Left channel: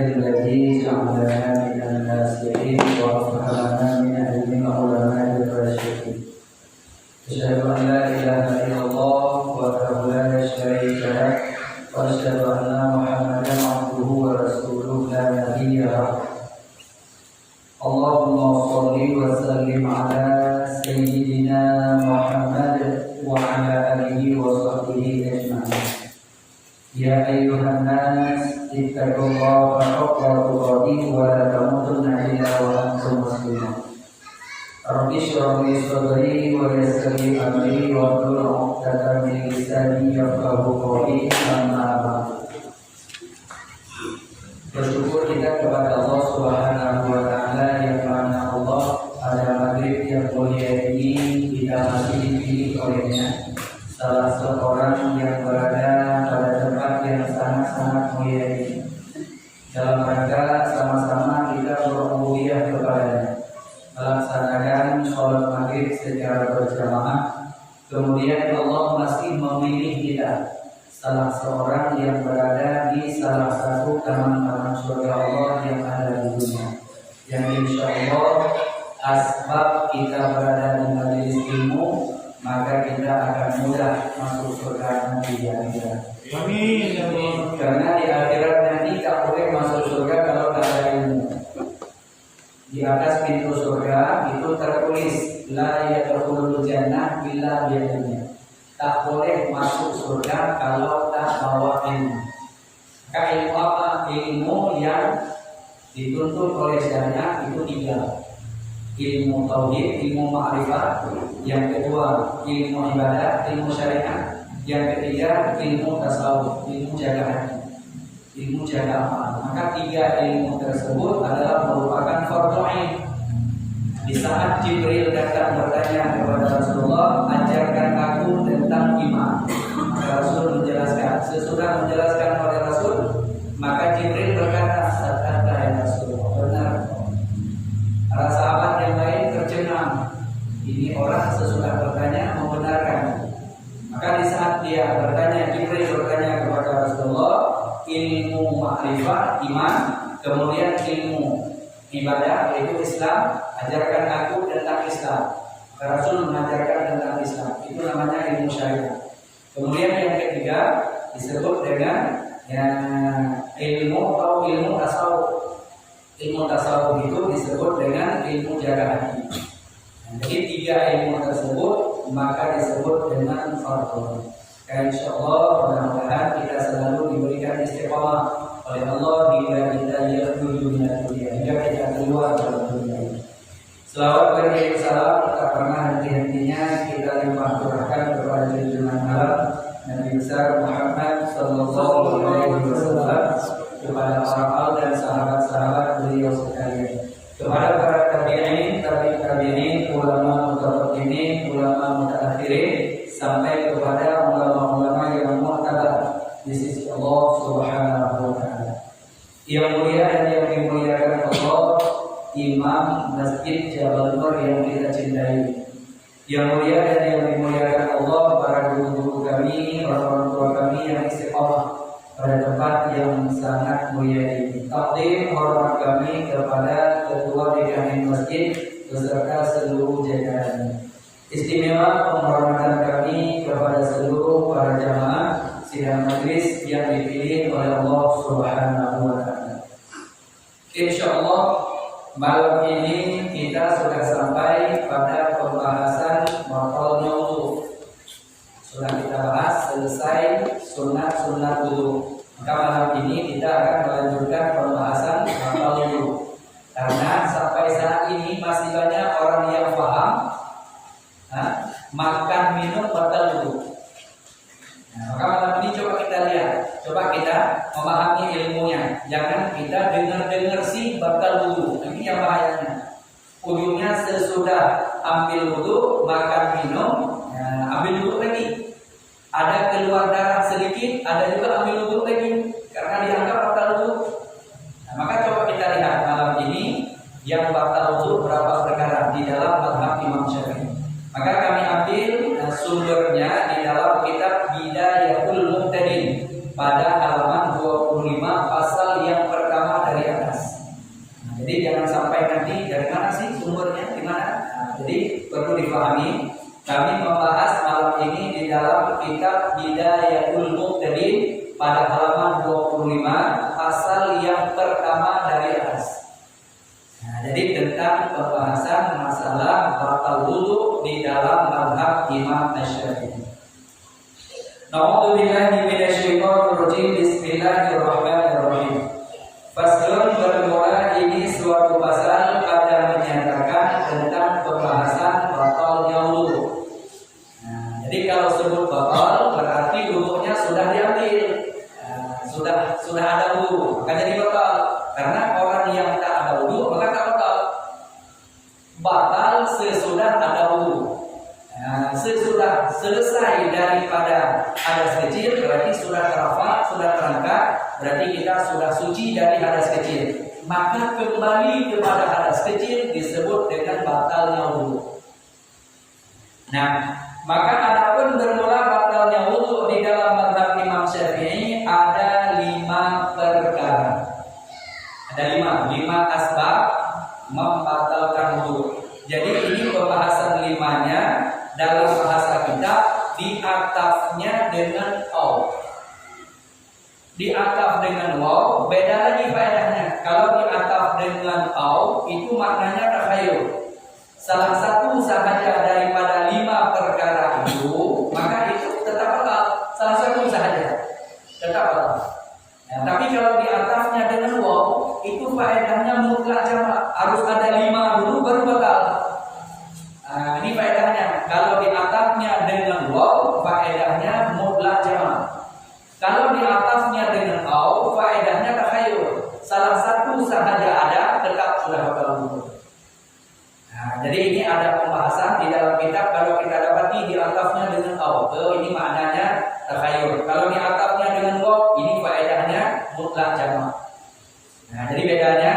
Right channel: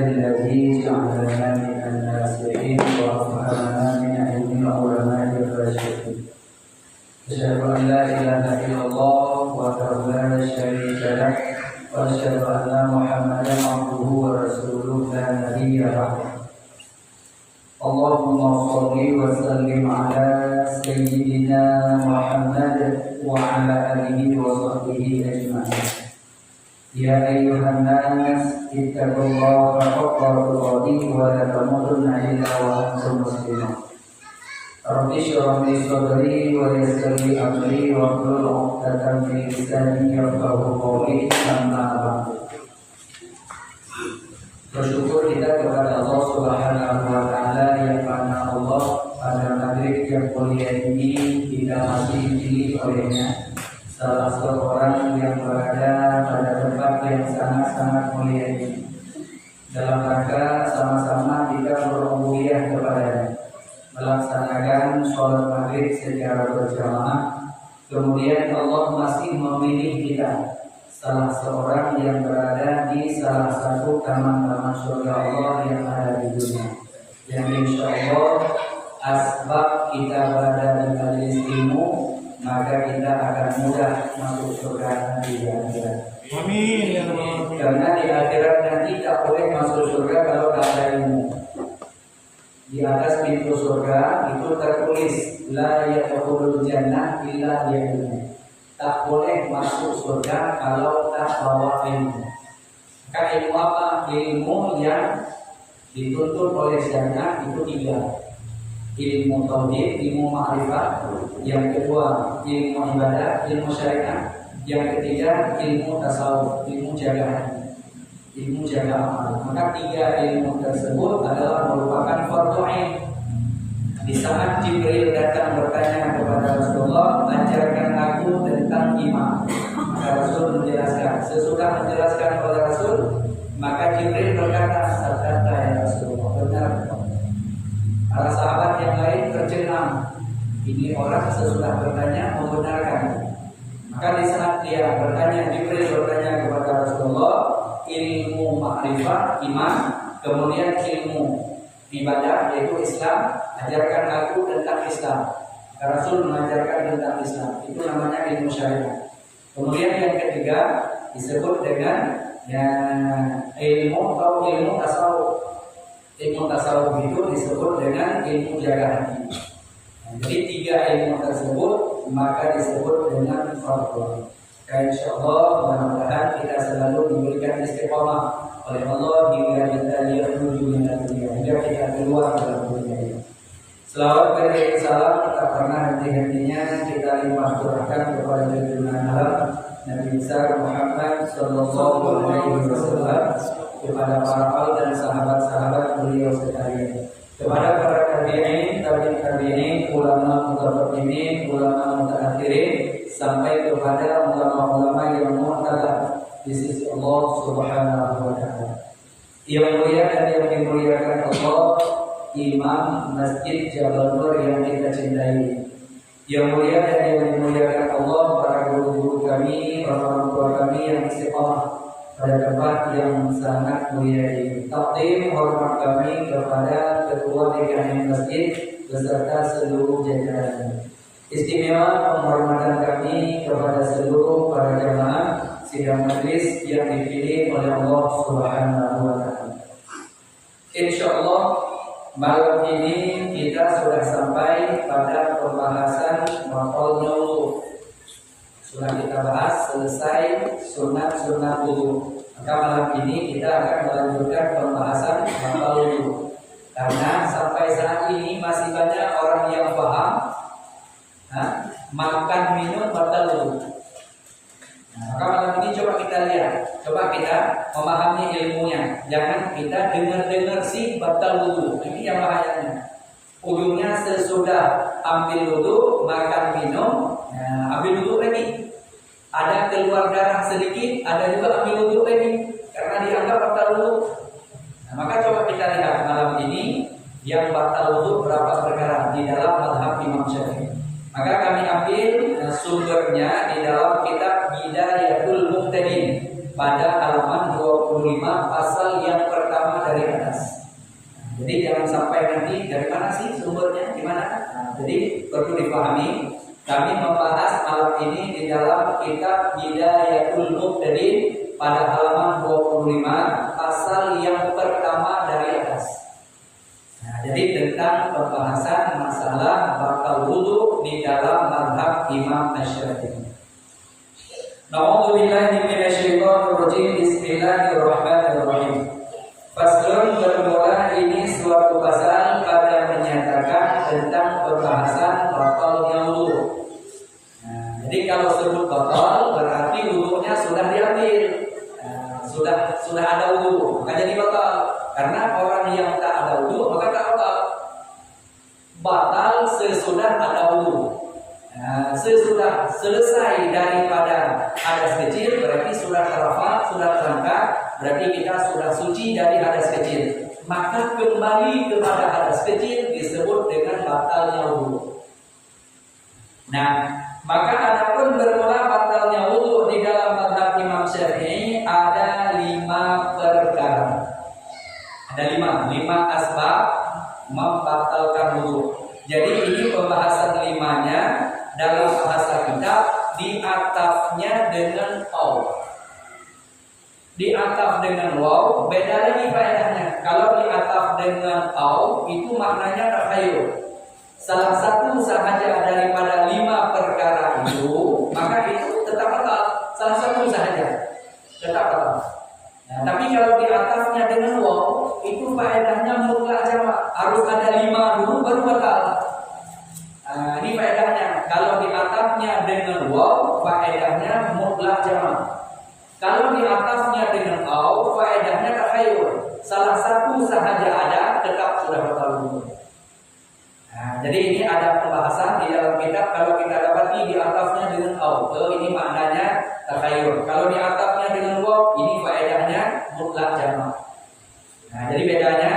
الذي جعلنا من الناسخين ورفعنا من علم العلماء الراشدين. أشهد أن لا إله إلا الله وحده لا شريك له وأشهد أن محمدا عبده ورسوله لا نبي بعده. اللهم صل وسلم على سيدنا محمد وعلى آله وصحبه أجمعين. يا أيها الناس اتقوا الله حق تقاته ولا تموتن إلا وأنتم مسلمون. رب اشرح لي صدري ويسر لي أمري واحلل عقدة من لساني يفقهوا قولي. أما بعد. Bersyukur kita kepada Allah Subhanahu wa Ta'ala yang mana Allah pada maghrib yang mulia ini kita masih dipilih olehnya salah seorang yang berada pada tempat yang sangat-sangat mulia ini dalam rangka sama-sama kita berubudiyah kepadanya, melaksanakan sholat maghrib secara berjamaah. Kemudian Allah masih memilih kita salah seorang yang berada di salah satu taman-taman surga Allah yang ada di dunia, yang insya Allah asbab kita berada di majelis ilmu, maka kita akan mudah masuk surga nanti di akhirat. Amin. Karena di akhirat nanti tak boleh masuk surga kalau tak ada ilmu. Di atas pintu surga itu tertulis la yadkhulul jannah illa bi'ilmi. Tak boleh masuk surga kalau tak bawa ilmu. Maka ilmu apa? Ilmu yang dituntut oleh syariat itu 3. Ilmu tauhid, ilmu ma'rifat. Yang kedua, ilmu ibadah, ilmu syariat. Yang ketiga, ilmu tasawuf, ilmu jaga hati, ilmu jaga amal. Maka 3 ilmu tersebut adalah merupakan fardhu ain. Di saat Jibril datang bertanya kepada Rasulullah, ajarkan aku tentang iman. Maka Rasul menjelaskan. Sesudah menjelaskan oleh Rasul, maka Jibril berkata, sadaqta ya Rasulullah, benar. Para sahabat yang lain tercengang. Ini orang sesudah bertanya membenarkan. Maka di saat dia bertanya, Jibril bertanya kepada Rasulullah, ilmu ma'rifat, iman, kemudian ilmu ibadah yaitu Islam, ajarkan aku tentang Islam. Rasul mengajarkan tentang Islam, itu namanya ilmu syariat. Kemudian yang ketiga disebut dengan ilmu atau ilmu tasawuf. Ilmu tasawuf itu disebut dengan ilmu jaga hati. Jadi 3 ilmu tersebut maka disebut dengan fardhu. Insyaallah mudah-mudahan kita selalu diberikan istiqamah oleh Allah hingga kita yakhruju minad dunya, hingga kita keluar dari dunia ini. Selawat berikan salam tak pernah henti-hentinya kita limpah curahkan kepada junjungan alam Nabi besar Muhammad sallallahu alaihi wasallam, kepada para al dan sahabat-sahabat beliau sekalian, kepada para tabi'in, tabi'in, ulama mutaqaddimin, ulama mutaakhirin, sampai kepada ulama-ulama yang mu'tabar di sisi Allah Subhanahu wa Ta'ala. Yang mulia dan yang dimuliakan Allah, Imam Masjid Jabal Nur yang kita cintai. Yang mulia dan yang dimuliakan Allah, para guru-guru kami, orang tua kami yang istiqamah pada tempat yang sangat mulia ini. Takdim hormat kami kepada Ketua DKM Masjid beserta seluruh jajarannya. Istimewa penghormatan kami kepada seluruh para jamaah sidang majlis yang dipilih oleh Allah Subhanahu wa Ta'ala. Insyaallah malam ini kita sudah sampai pada pembahasan maqalnya wudu. Sudah kita bahas selesai sunat-sunat wudu. Maka malam ini kita akan melanjutkan pembahasan maqal wudu. Karena sampai saat ini masih banyak orang yang paham makan minum batal wudu. Maka malam ini coba kita lihat, coba kita memahami ilmunya. Jangan kita dengar-dengar sih batal wudu. Ini yang bahayanya. Ujungnya sesudah ambil wudu, makan minum, ambil wudu lagi. Ada keluar darah sedikit, ada juga ambil wudu lagi karena dianggap batal wudu. Maka coba kita lihat malam ini yang batal wudu berapa perkara di dalam mazhab Imam Syafi'i. Maka kami ambil sumbernya di dalam kitab Bidayatul Muqtadin pada halaman 25 pasal yang pertama dari yang sampai nanti dari mana sih sumbernya, di mana? Jadi perlu dipahami. Kami membahas malam ini di dalam kitab Bidayatul Muqtadin pada halaman 25 pasal yang pertama dari atas. Jadi tentang pembahasan masalah batal wudu di dalam mazhab Imam Asy-Syafi'i. Na'udzubillahi minasyaitonir rajim. Bismillahirrahmanirrahim. Faslun, bermula ini suatu pasal pada menyatakan tentang pembahasan batalnya wudu. Jadi kalau sebut batal berarti wudunya sudah diambil, sudah ada wudu, maka jadi batal. Karena orang yang tak ada wudu maka tak batal. Batal sesudah ada wudu. Sesudah selesai daripada hadas kecil berarti sudah terafat, sudah terangkat, berarti kita sudah suci dari hadas kecil. Maka kembali kepada hadas kecil disebut dengan batalnya wudu. Nah, maka adapun bermula batalnya wudu di dalam mazhab Imam Syafi'i ada 5 perkara. Ada 5 asbab membatalkan wudu. Jadi ini pembahasan 5-nya dalam bahasa kitab diatafnya dengan au. Diataf dengan waw beda lagi faedahnya. Kalau diataf dengan au itu maknanya takhayul. Salah satu sahaja daripada 5 perkara itu, maka itu tetap batal. Salah satu sahaja tetap batal. Tapi kalau diatafnya dengan waw itu faedahnya mutlak jamak. Harus ada 5 dulu baru batal. Ini faedahnya. Kalau diatafnya dengan waw faedahnya mutlak jamak. Kalau diatafnya dengan au faedahnya takhayul. Salah satu sahaja ada tetap sudah batal wudu. Jadi ini ada pembahasan di dalam kitab. Kalau kita dapati diatafnya dengan au, ini maknanya takhayul. Kalau diatafnya dengan waw, ini faedahnya mutlak jamak. Jadi bedanya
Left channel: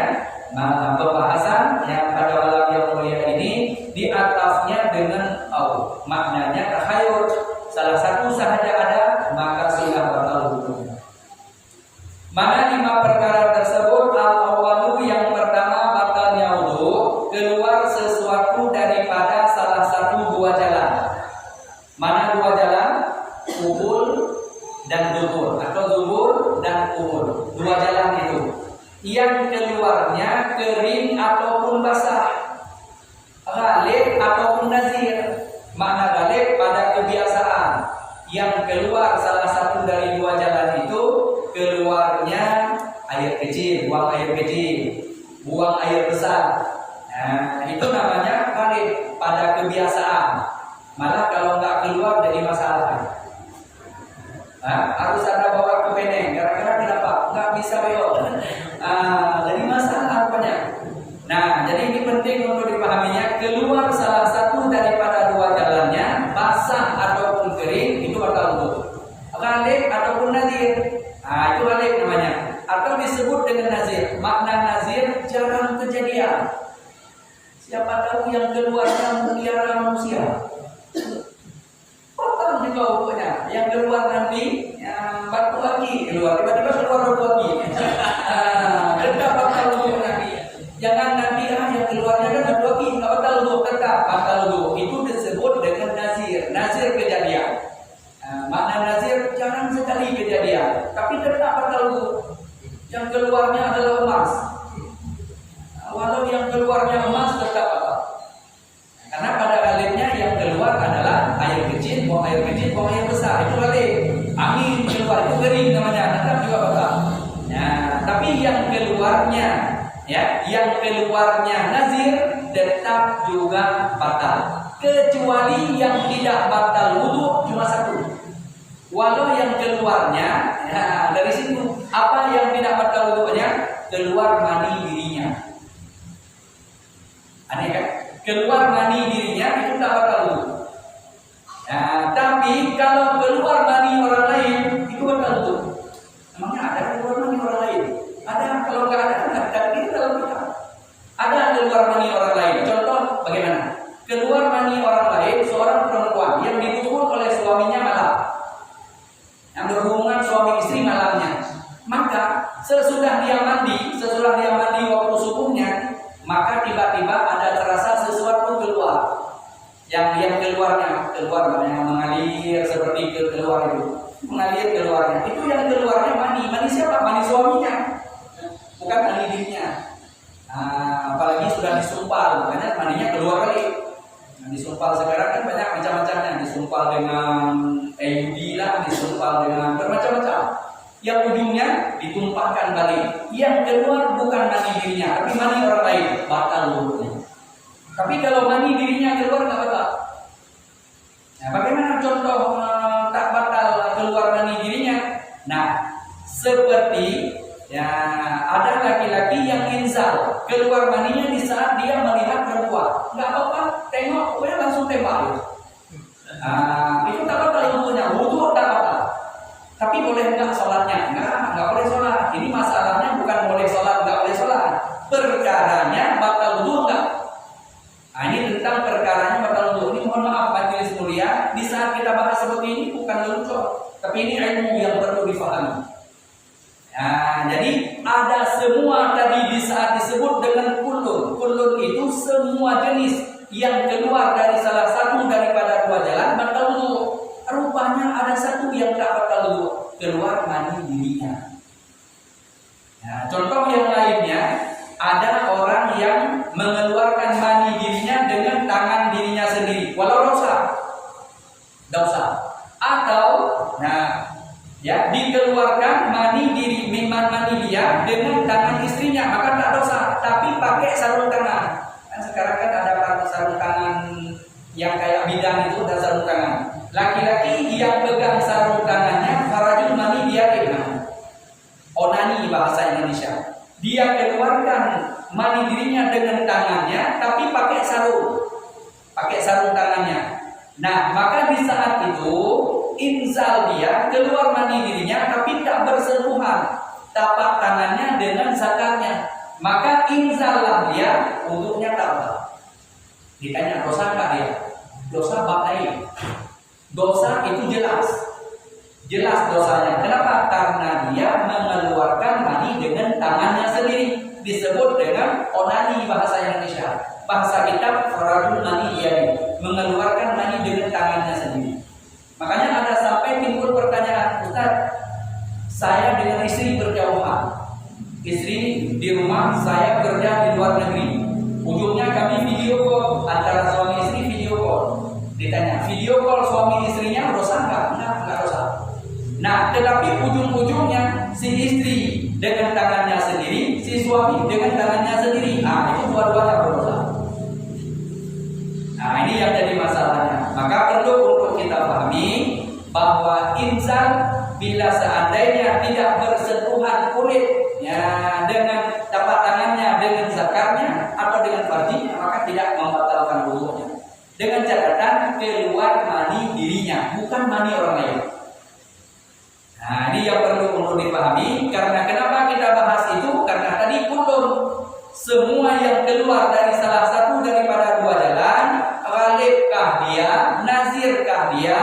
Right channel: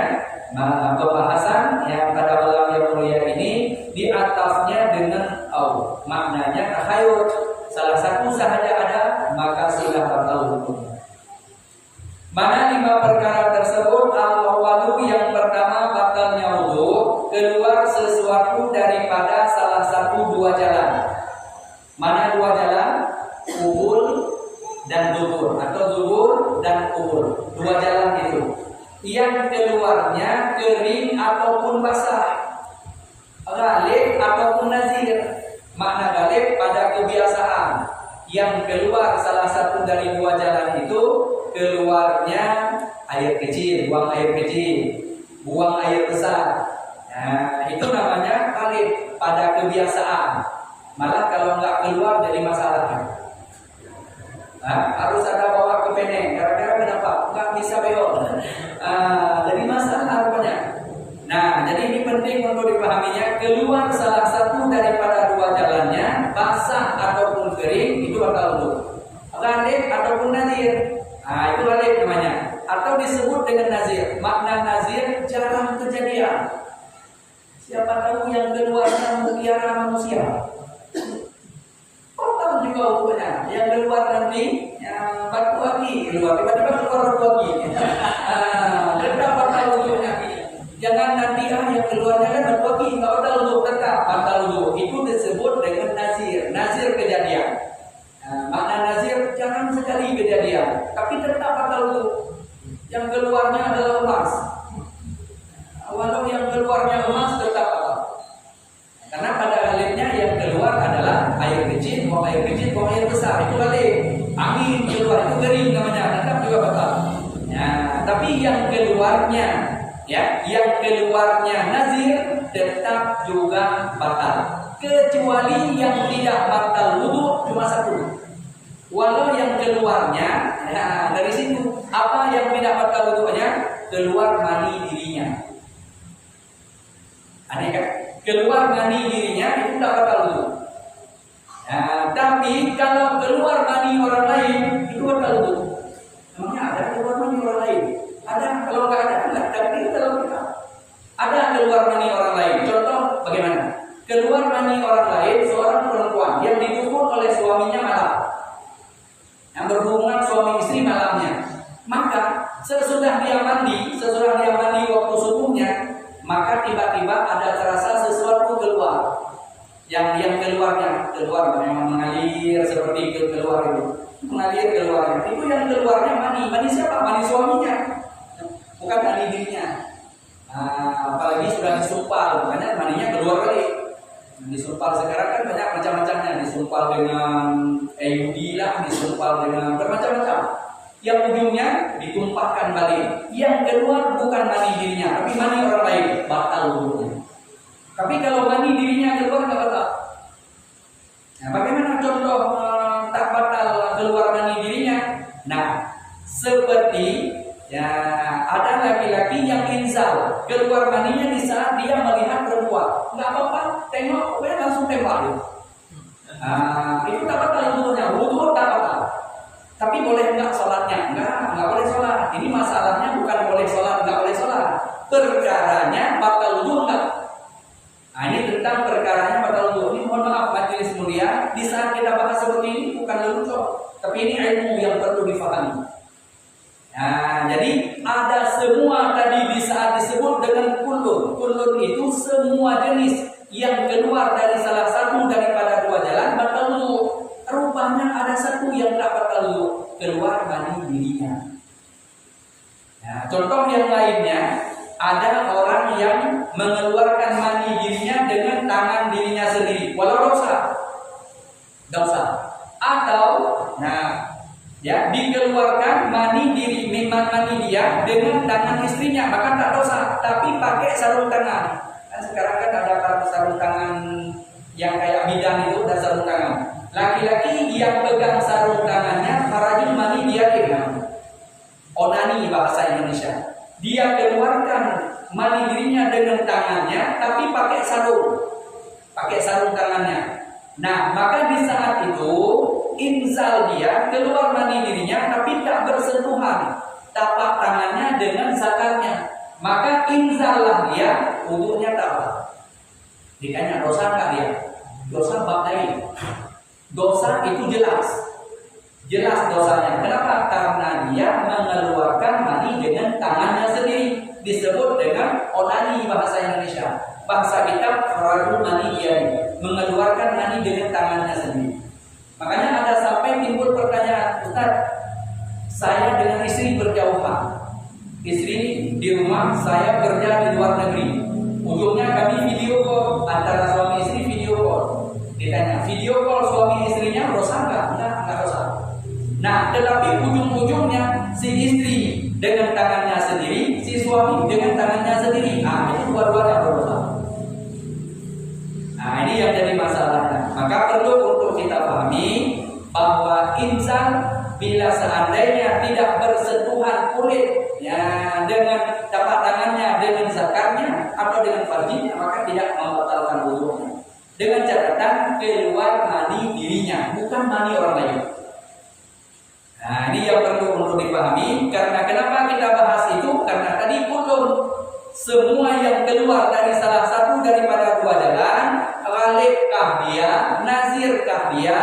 pembahasan yang pada malam yang mulia ini diatafnya dengan au, maknanya takhayul. Salah satu sahaja ada maka sudah batal hukumnya. Mana 5 perkara tersebut? Al-awwalu, yang pertama batalnya wudu keluar sesuatu daripada salah satu 2 jalan. Mana 2 jalan? Qubul dan dubur, atau dubur dan qubul. 2 jalan itu. Yang keluarnya kering ataupun basah, ghalib ataupun nazir. Makna ghalib pada kebiasaan. Yang keluar salah satu dari 2 jalan itu keluarnya air kecil, buang air kecil, buang air besar. Itu namanya ghalib pada kebiasaan. Malah kalau nggak keluar jadi masalah. Harus ada bawa ke peneng. Gara-gara kenapa? Nggak bisa belok. Jadi masalah rupanya. Jadi ini penting untuk dipahaminya. Keluar salah satu daripada 2 jalannya, basah ataupun kering, itu batal wudu. Ghalib ataupun nazir, itu ghalib namanya. Atau disebut dengan nazir. Makna nazir jarang kejadian. Siapa tahu yang keluarnya mutiara manusia. Batal juga wudunya. Yang keluar nanti batu aki keluar, tiba-tiba keluar batu aki. Tetap batal wudunya. Jangan nanti yang keluarnya kan batu aki, nggak batal wudu, tetap batal wudu. Itu disebut dengan nazir. Nazir kejadian. Makna nazir jarang sekali kejadian, tapi tetap batal wudu. Yang keluarnya adalah emas. Walau yang keluarnya emas tetap batal. Karena pada ghalibnya yang keluar adalah air kecil, buang air kecil, buang air besar. Itu ghalib. Angin keluar itu kering namanya, tetap juga batal. Tapi yang keluarnya yang keluarnya nazir tetap juga batal. Kecuali yang tidak batal wudu cuma 1. Walau yang keluarnya dari situ, apa yang tidak batal wudunya? Keluar mani dirinya. Aneh kan? Keluar mani dirinya itu tak batal wudu. Tapi kalau keluar mani orang lain itu batal wudu. Namanya ada keluar mani orang lain? Ada. Kalau nggak ada, nggak takdir dalam kitab. Ada keluar mani orang lain. Contoh bagaimana? Keluar mani orang lain, seorang perempuan yang didukung oleh suaminya malam, yang berhubungan suami istri malamnya. Maka sesudah dia mandi waktu subuhnya, keluar, memang mengalir seperti keluar itu, mengalir keluarnya. Itu yang keluarnya mani. Mani siapa? Mani suaminya, bukan mani dirinya. Apalagi sudah disumpal, makanya maninya keluar kali. Disumpal sekarang kan banyak macam-macamnya, disumpal dengan IUD lah, disumpal dengan bermacam-macam. Yang ujungnya ditumpahkan balik. Yang keluar bukan mani dirinya, tapi mani orang lain, batal wudunya. Tapi kalau mani dirinya keluar nggak batal. Nah, bagaimana contoh tak batal keluar mani dirinya? Nah, seperti ya ada laki-laki yang inzal, keluar maninya di saat dia melihat perempuan. Nggak apa-apa, tengok, pokoknya langsung tembak itu. Itu tak batal wudunya, wudu tak batal. Tapi boleh nggak sholatnya? Nggak boleh sholat. Ini masalahnya bukan boleh sholat, nggak boleh sholat. Perkaranya batal wudu nggak? Ini tentang perkaranya batal wudu. Ini mohon maaf majelis mulia, di saat kita bahas seperti ini bukan lelucon, tapi ini ilmu yang perlu difahami. Jadi ada semua tadi di saat disebut dengan kulun. Kulun itu semua jenis yang keluar dari salah satu daripada dua jalan batal wudu. Rupanya ada satu yang tak batal wudu, keluar mani dirinya. Contoh yang lainnya, ada orang yang mengeluarkan mani dirinya dengan tangan dirinya sendiri, walau dosa. Atau dikeluarkan mani dia dengan tangan istrinya, maka tak dosa, tapi pakai sarung tangan. Kan sekarang kan ada sarung tangan yang kayak bidang itu dan sarung tangan. Laki-laki yang pegang sarung tangannya farajul mani dia onani bahasa Indonesia. Dia keluarkan mani dirinya dengan tangannya, tapi pakai sarung tangannya. Nah, maka di saat itu inzal dia keluar mani dirinya, tapi tak bersentuhan tapak tangannya dengan zakarnya. Maka inzallah dia, wudunya tak batal. Ditanya dosa nggak dia? Dosa bab lain. Dosa itu jelas dosanya. Kenapa? Karena dia mengeluarkan mani dengan tangannya sendiri. Disebut dengan onani bahasa Indonesia. Bahasa kitab farajul mani iyani, mengeluarkan mani dengan tangannya sendiri. Makanya ada sampai timbul pertanyaan, Ustaz, saya dengan istri berjauhan. Istri di rumah, saya kerja di luar negeri. Ujungnya kami video call, antara suami istri video call. Ditanya, video call suami istrinya dosa enggak? Enggak dosa. Nah, tetapi ujung-ujungnya si istri dengan tangannya sendiri, si suami dengan tangannya sendiri. Ini dua-duanya berdosa. Ini yang jadi masalahnya. Maka perlu untuk kita pahami bahwa insan bila seandainya tidak bersentuhan kulit dengan tapak tangannya, dengan zakarnya atau dengan farjinya, maka tidak membatalkan wudunya. Dengan catatan keluar mani dirinya, bukan mani orang lain. Ini yang perlu untuk dipahami. Karena kenapa kita bahas itu? Karena tadi kulun, semua yang keluar dari salah satu daripada dua jalan, ghalibkah dia, nazirkah dia,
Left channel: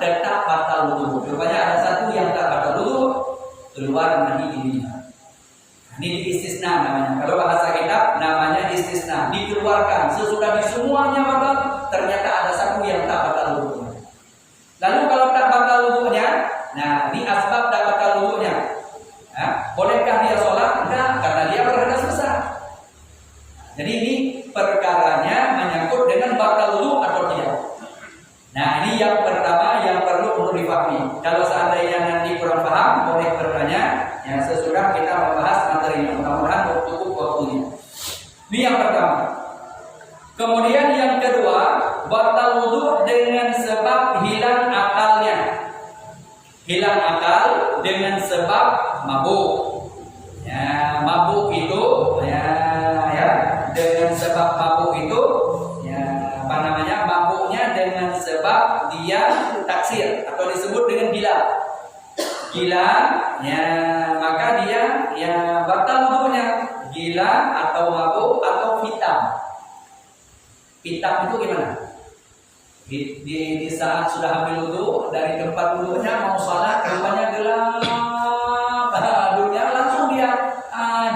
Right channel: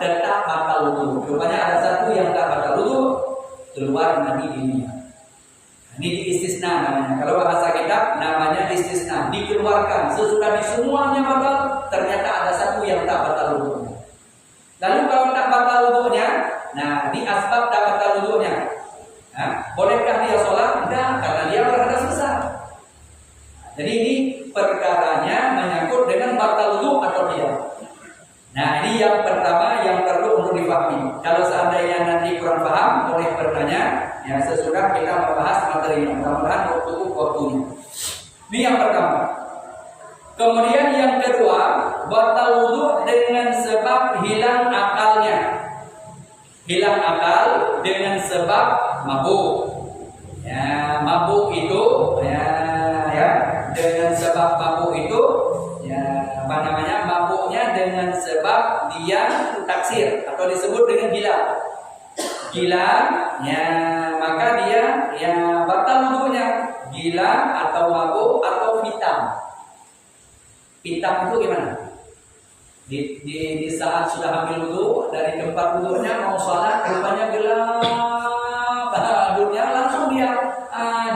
tetap batal wudu. Rupanya ada satu yang tak batal wudu, keluar mani dirinya. Ini diistisna namanya. Kalau bahasa kitab namanya istisna, dikeluarkan sesudah di semuanya batal, ternyata ada satu yang tak batal wudunya. Lalu kalau tak batal wudunya, ini asbab tak batal wudunya. Bolehkah dia sholat? Enggak, karena dia berhadas besar. Jadi ini perkaranya menyangkut dengan batal wudu atau tidak. Ini yang pertama yang perlu untuk dipahami. Kalau seandainya nanti kurang paham, boleh bertanya. Sesudah kita membahas materinya, mudah-mudahan cukup waktunya. Ini yang pertama. Kemudian yang kedua, batal wudu dengan sebab hilang akalnya. Hilang akal dengan sebab mabuk. Mabuk itu dengan sebab mabuk itu mabuknya dengan sebab dia taksir atau disebut dengan gila, maka dia batal wudunya. Gila atau mabuk atau hitam itu gimana? Di saat sudah ambil wudu dari tempat wudunya mau sholat, rupanya gelap dunia, langsung dia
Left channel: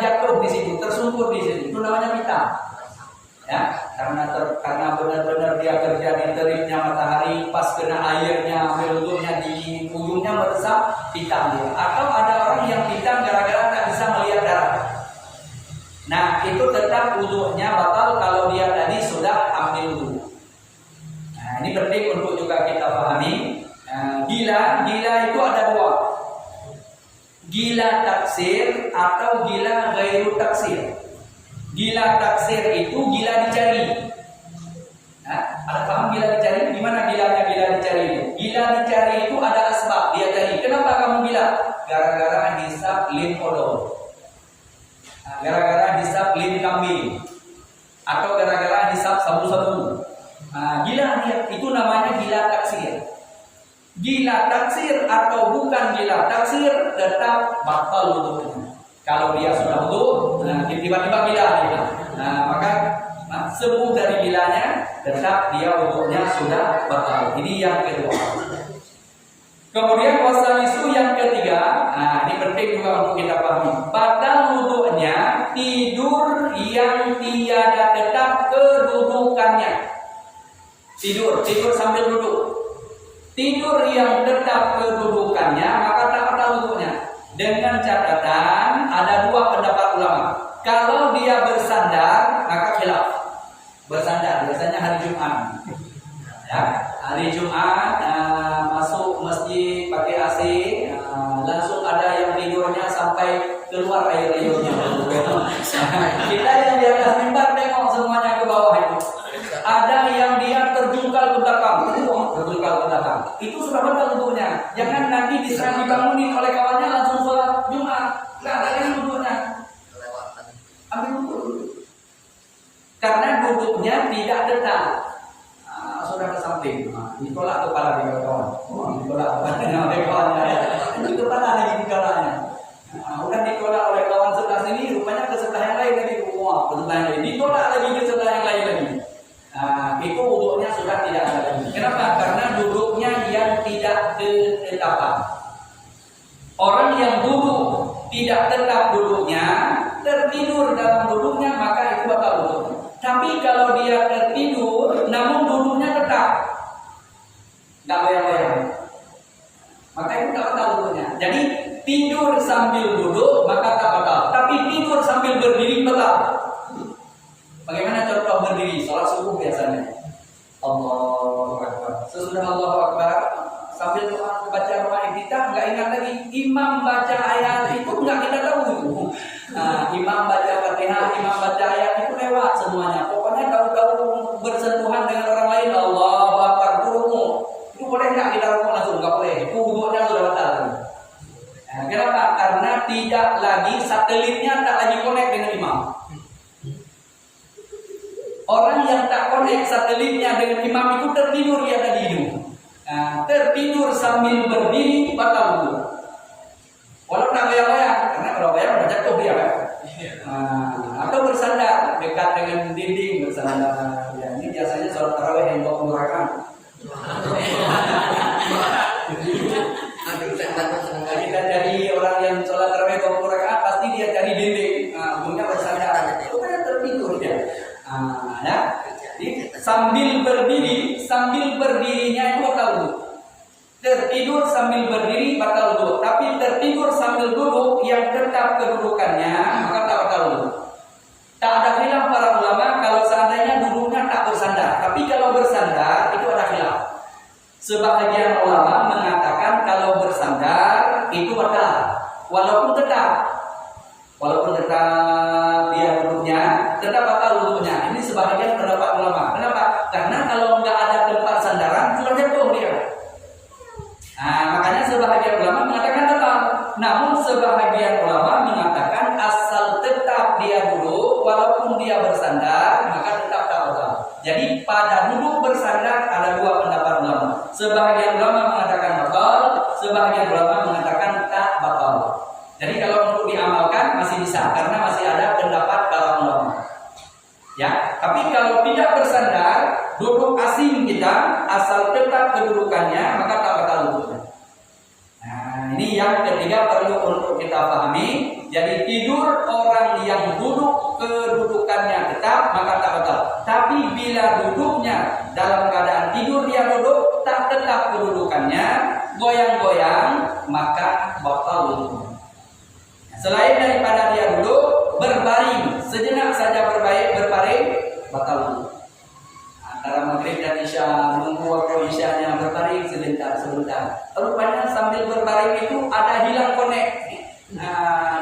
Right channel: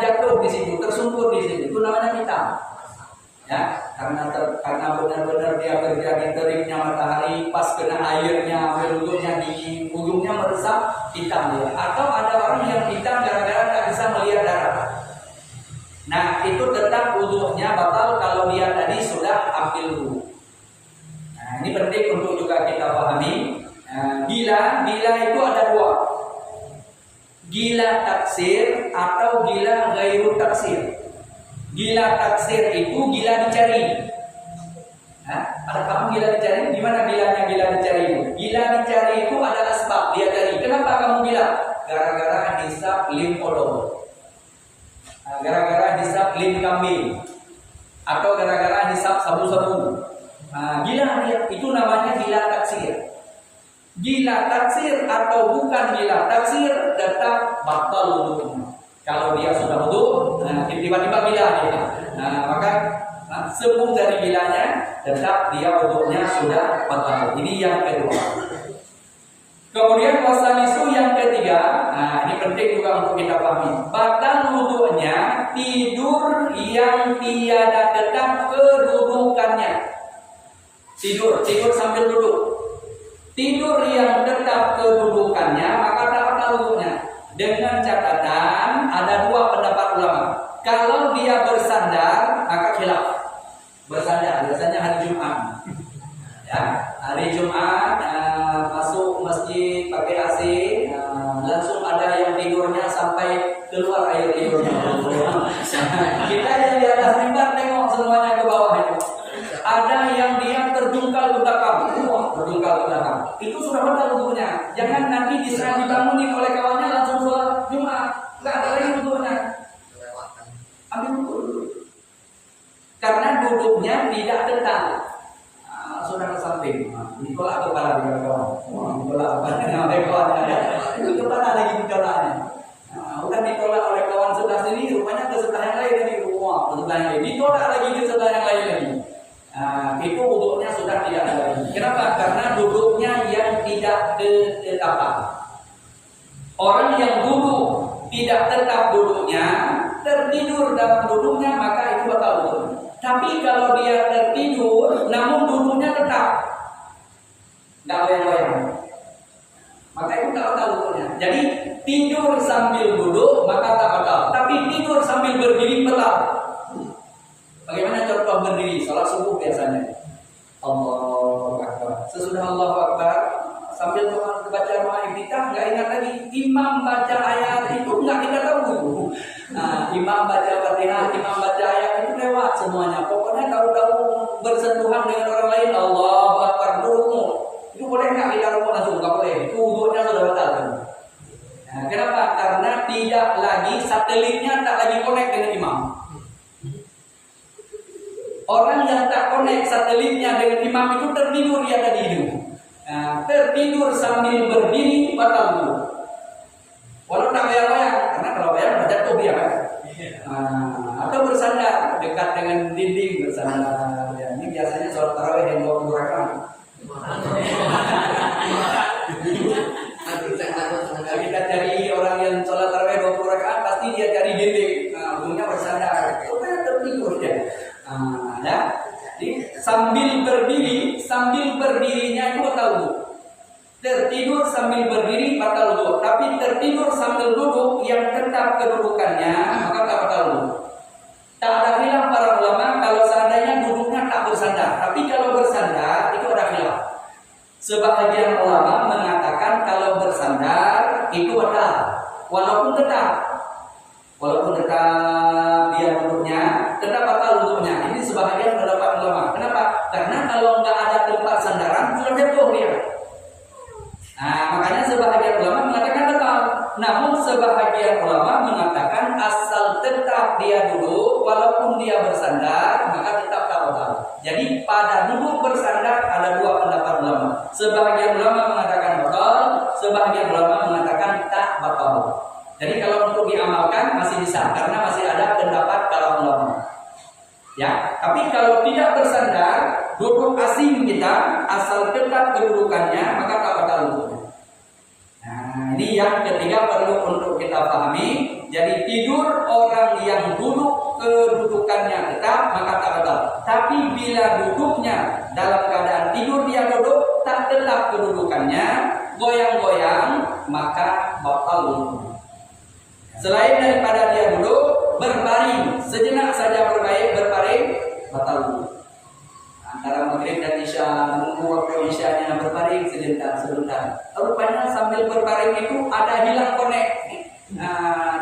jatuh di situ, tersungkur di situ. Itu namanya hitam. karena benar-benar dia kerja di teriknya matahari, pas kena airnya, ambil wudhunya di ujungnya meresap, pitam dia. Atau ada orang yang pitam gara-gara tak bisa melihat darah. Nah, itu tetap wudhunya batal kalau dia tadi sudah ambil wudhu. Nah, ini penting untuk juga kita pahami. Gila itu ada dua. Gila taksir atau gila ghairu taksir. Gila taksir itu gila dicari. Ada paham gila dicari? Gimana gilanya gila dicari itu? Gila dicari itu ada asbab dia cari. Kenapa kamu gila? Gara-gara hisab lim odol. Gara-gara hisab lim kambing. Atau gara-gara hisab sabu-sabu. Gila dia, itu namanya gila taksir. Gila taksir atau bukan gila taksir tetap batal wudhunya. Kalau dia sudah wudhu, tiba-tiba gila dia. Maka sembuh dari gilanya, tetap dia wudhunya sudah batal. Ini yang kedua. Kemudian wasalisu yang ketiga, ini penting juga untuk kita pahami. Batal wudhunya tidur yang tiada tetap kedudukannya. Tidur sambil duduk. Tidur yang tetap kedudukannya maka tak batal wudhunya. Dengan catatan ada dua pendapat ulama. Kalau dia bersandar maka khilaf. Bersandar biasanya hari Jumat. Hari Jumat masuk masjid pakai AC, langsung ada yang tidurnya sampai keluar air-airnya. Kita yang di atas mimbar tengok semuanya ke bawah itu. Ada yang dia terjungkal ke belakang, itu sudah batal wudhunya. Jangan nanti diserang dibangunin oleh kawannya langsung sholat Jumat, nggak ada lagi wudhunya. Ambil wudhu. Karena duduknya tidak tetap, sudah ke samping, ditolak kepala di kawan. Ditolak kepala oleh kawannya. Itu kepala lagi ditolaknya. Udah ditolak oleh kawan sebelah sini, rupanya ke sebelah yang lain lagi. Ke sebelah yang lain, ditolak lagi ke sebelah yang lain lagi. Itu wudhunya sudah tidak ada lagi. Kenapa? Karena duduknya yang tidak tetap. Orang yang duduk tidak tetap duduknya, tertidur dalam duduknya, maka itu batal wudhunya. Tapi kalau dia tertidur, namun duduknya tetap, nggak goyang-goyang, maka itu tak batal wudhunya. Jadi tidur sambil duduk maka tak batal. Tapi tidur sambil berdiri batal. Bagaimana contoh berdiri salat subuh biasanya? Allahu Akbar. Sesudah Allahu Akbar sambil baca doa iftitah nggak ingat lagi. Imam baca ayat itu nggak kita tahu itu. Imam baca Fatihah, imam baca ayat itu lewat semuanya. Pokoknya tahu-tahu bersentuhan dengan orang lain Allahu Akbar ruku. Itu boleh nggak kita ruku langsung? Nggak boleh. Itu wudhunya sudah batal. Kenapa? Karena tidak lagi satelitnya tak lagi connect dengan imam. Orang yang tak connect satelitnya dengan imam itu tertidur dia tadi itu. Tertidur sambil berdiri batal wudhu. Walau tak goyang-goyang, karena kalau goyang udah jatuh dia kan. Atau bersandar dekat dengan dinding bersandar. Ya, ini biasanya sholat tarawih yang 20 rakaat. Kita cari orang yang sholat tarawih 20 rakaat pasti dia cari dinding. Ujungnya bersandar. Supaya tertidur dia. Jadi sambil berdirinya itu batal wudhu. Tertidur sambil berdiri batal wudhu. Tapi tertidur sambil duduk yang tetap kedudukannya maka tak batal wudhu. Tak ada khilaf para ulama kalau seandainya duduknya tak bersandar. Tapi kalau bersandar itu ada khilaf. Sebahagian ulama mengatakan kalau bersandar itu batal, walaupun tetap dia duduknya tetap batal wudhunya. Ini sebahagian pendapat ulama. Kenapa? Karena kalau nggak ada tempat sandaran sudah jatuh dia. Makanya sebahagian ulama mengatakan batal. Namun sebahagian ulama mengatakan asal tetap dia duduk walaupun dia bersandar maka tetap tak batal. Jadi pada duduk bersandar ada dua pendapat ulama. Sebahagian ulama mengatakan batal, sebahagian ulama mengatakan tak batal. Jadi kalau untuk diamalkan masih bisa karena masih ada pendapat para ulama. Ya, tapi kalau tidak bersandar, duduk asing kita asal tetap kedudukannya maka tak batal wudhunya. Ini yang ketiga perlu untuk kita pahami. Jadi tidur orang yang duduk kedudukannya tetap maka tak batal. Tapi Tetapi bila duduknya dalam keadaan tidur dia duduk, tak tetap kedudukannya, goyang-goyang, maka batal wudu. Selain daripada dia duduk, berbaring sejenak saja berbaring, batal wudu. Antara maghrib dan isya, menunggu waktu isyanya, berbaring sebentar. Rupanya sambil berbaring itu ada hilang connect.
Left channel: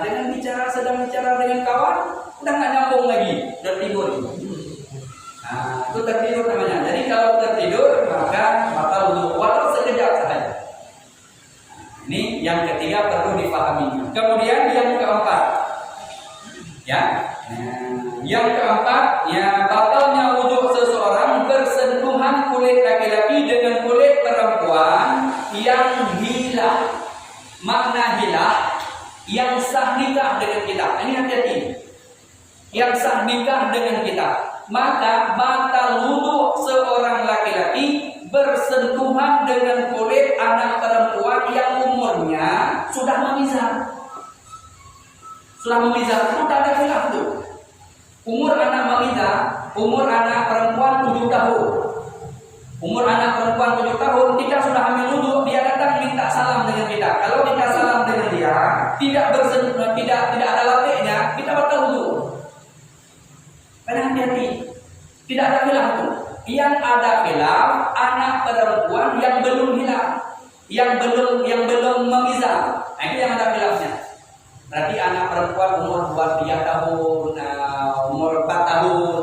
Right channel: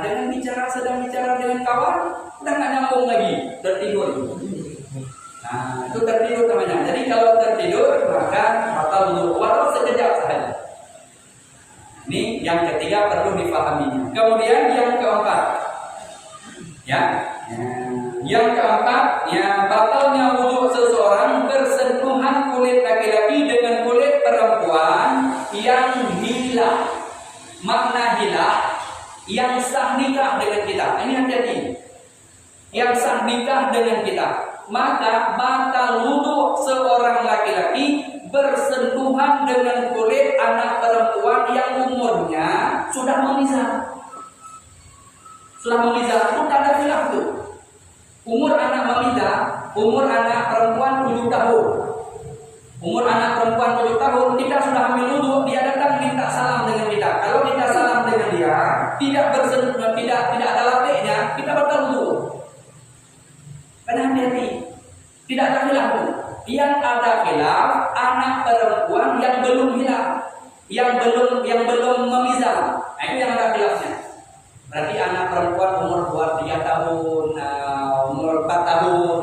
Dengan sedang bicara dengan kawan, udah nggak nyambung lagi, tertidur. Itu tertidur namanya. Jadi kalau tertidur maka batal wudu walau sekejap saja. Ini yang ketiga perlu difahaminya. Kemudian yang keempat, yang keempat, batalnya wudu seseorang bersentuhan kulit laki-laki dengan kulit perempuan yang hilah. Makna hilah, yang sah nikah dengan kita. Ini hati-hati. Yang sah nikah dengan kita, maka batal wudu seorang laki-laki bersentuhan dengan kulit anak perempuan yang umurnya sudah memisah. Itu tak ada khilaf tuh. Umur anak memisah, umur anak perempuan 7 tahun. Umur anak perempuan 7 tahun, kita sudah ambil wudu, dia datang minta salam dengan kita. Kalau kita salam dengan dia, tidak ada lapiknya, kita batal wudu. Karena hati-hati, tidak ada khilaf pun. Yang ada khilaf anak perempuan yang belum hilang, yang belum memisah. Itu yang ada khilafnya. Berarti anak perempuan umur 3 tahun, umur 4 tahun,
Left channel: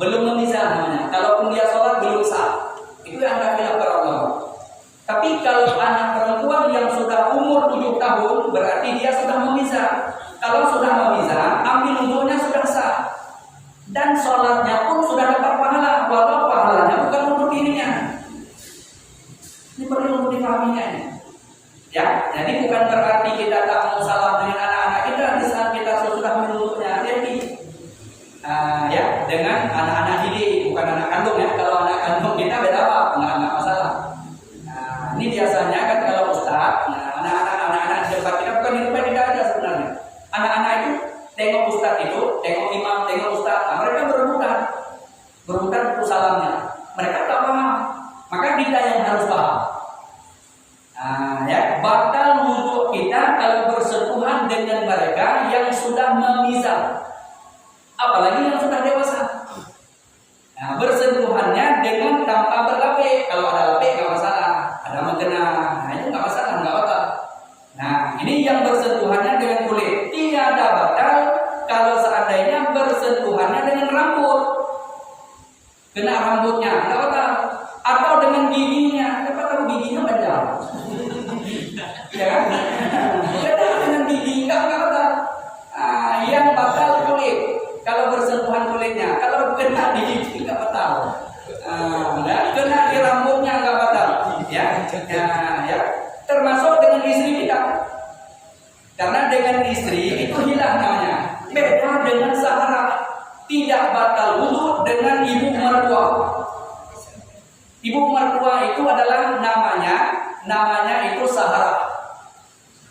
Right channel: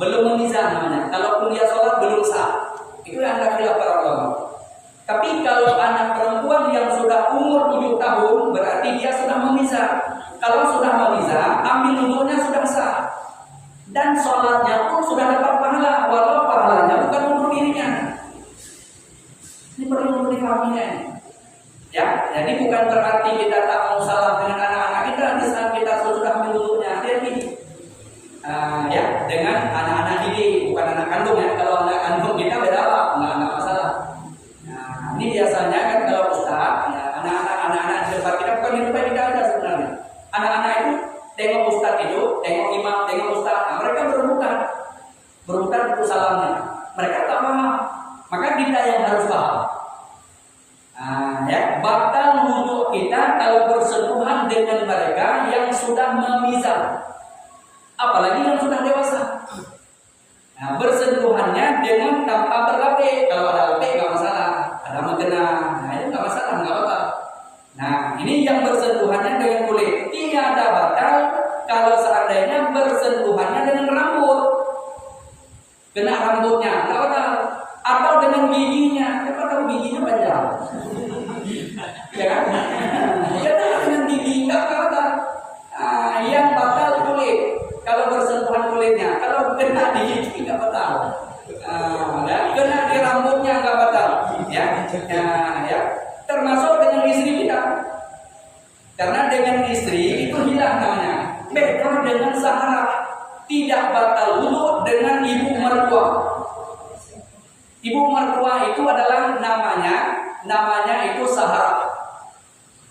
belum memisah namanya. Kalaupun dia sholat belum sah. Itu yang ada khilaf para ulama. Tapi kalau anak perempuan yang sudah umur 7 tahun, berarti dia sudah memisah. Kalau sudah memisah, ambil wudunya sudah sah. Dan sholatnya pun sudah dapat pahala, walau pahalanya bukan untuk dirinya. Ini perlu untuk difahaminya ini. Ya, jadi bukan berarti kita tak mau salam dengan anak-anak kita di saat kita sudah menurutnya. Hati-hati. Dengan anak-anak didik, bukan anak kandung ya. Kalau anak kandung kita beda apa? Enggak masalah. Ini biasanya kan kalau ustaz, anak-anak di depan kita bukan di depan kita aja sebenarnya. Anak-anak itu tengok ustaz itu, tengok imam, tengok ustaz. Mereka berebutan untuk salamnya. Mereka tak paham. Maka kita yang harus paham. Batal wudu kita kalau bersentuhan dengan mereka yang sudah memisah, apalagi yang sudah dewasa. Bersentuhannya dengan tanpa berlapik. Kalau ada lapik nggak masalah, ada mengena, itu nggak masalah, nggak batal. Ini yang bersentuhannya dengan kulit tiada batal kalau seandainya bersentuhannya dengan rambut, kena rambutnya nggak batal, atau dengan giginya. Siapa tahu giginya panjang? Ya kan? Kena dengan gigi nggak batal. Yang batal kulit. Kalau bersentuhan kulitnya, kalau kena di gigi nggak batal. Kena di rambutnya nggak batal. Ya. Termasuk dengan istri kita. Karena dengan istri itu hilang namanya. Beda dengan saharah. Tidak batal wudu dengan ibu mertua. Ibu mertua itu adalah namanya itu saharah.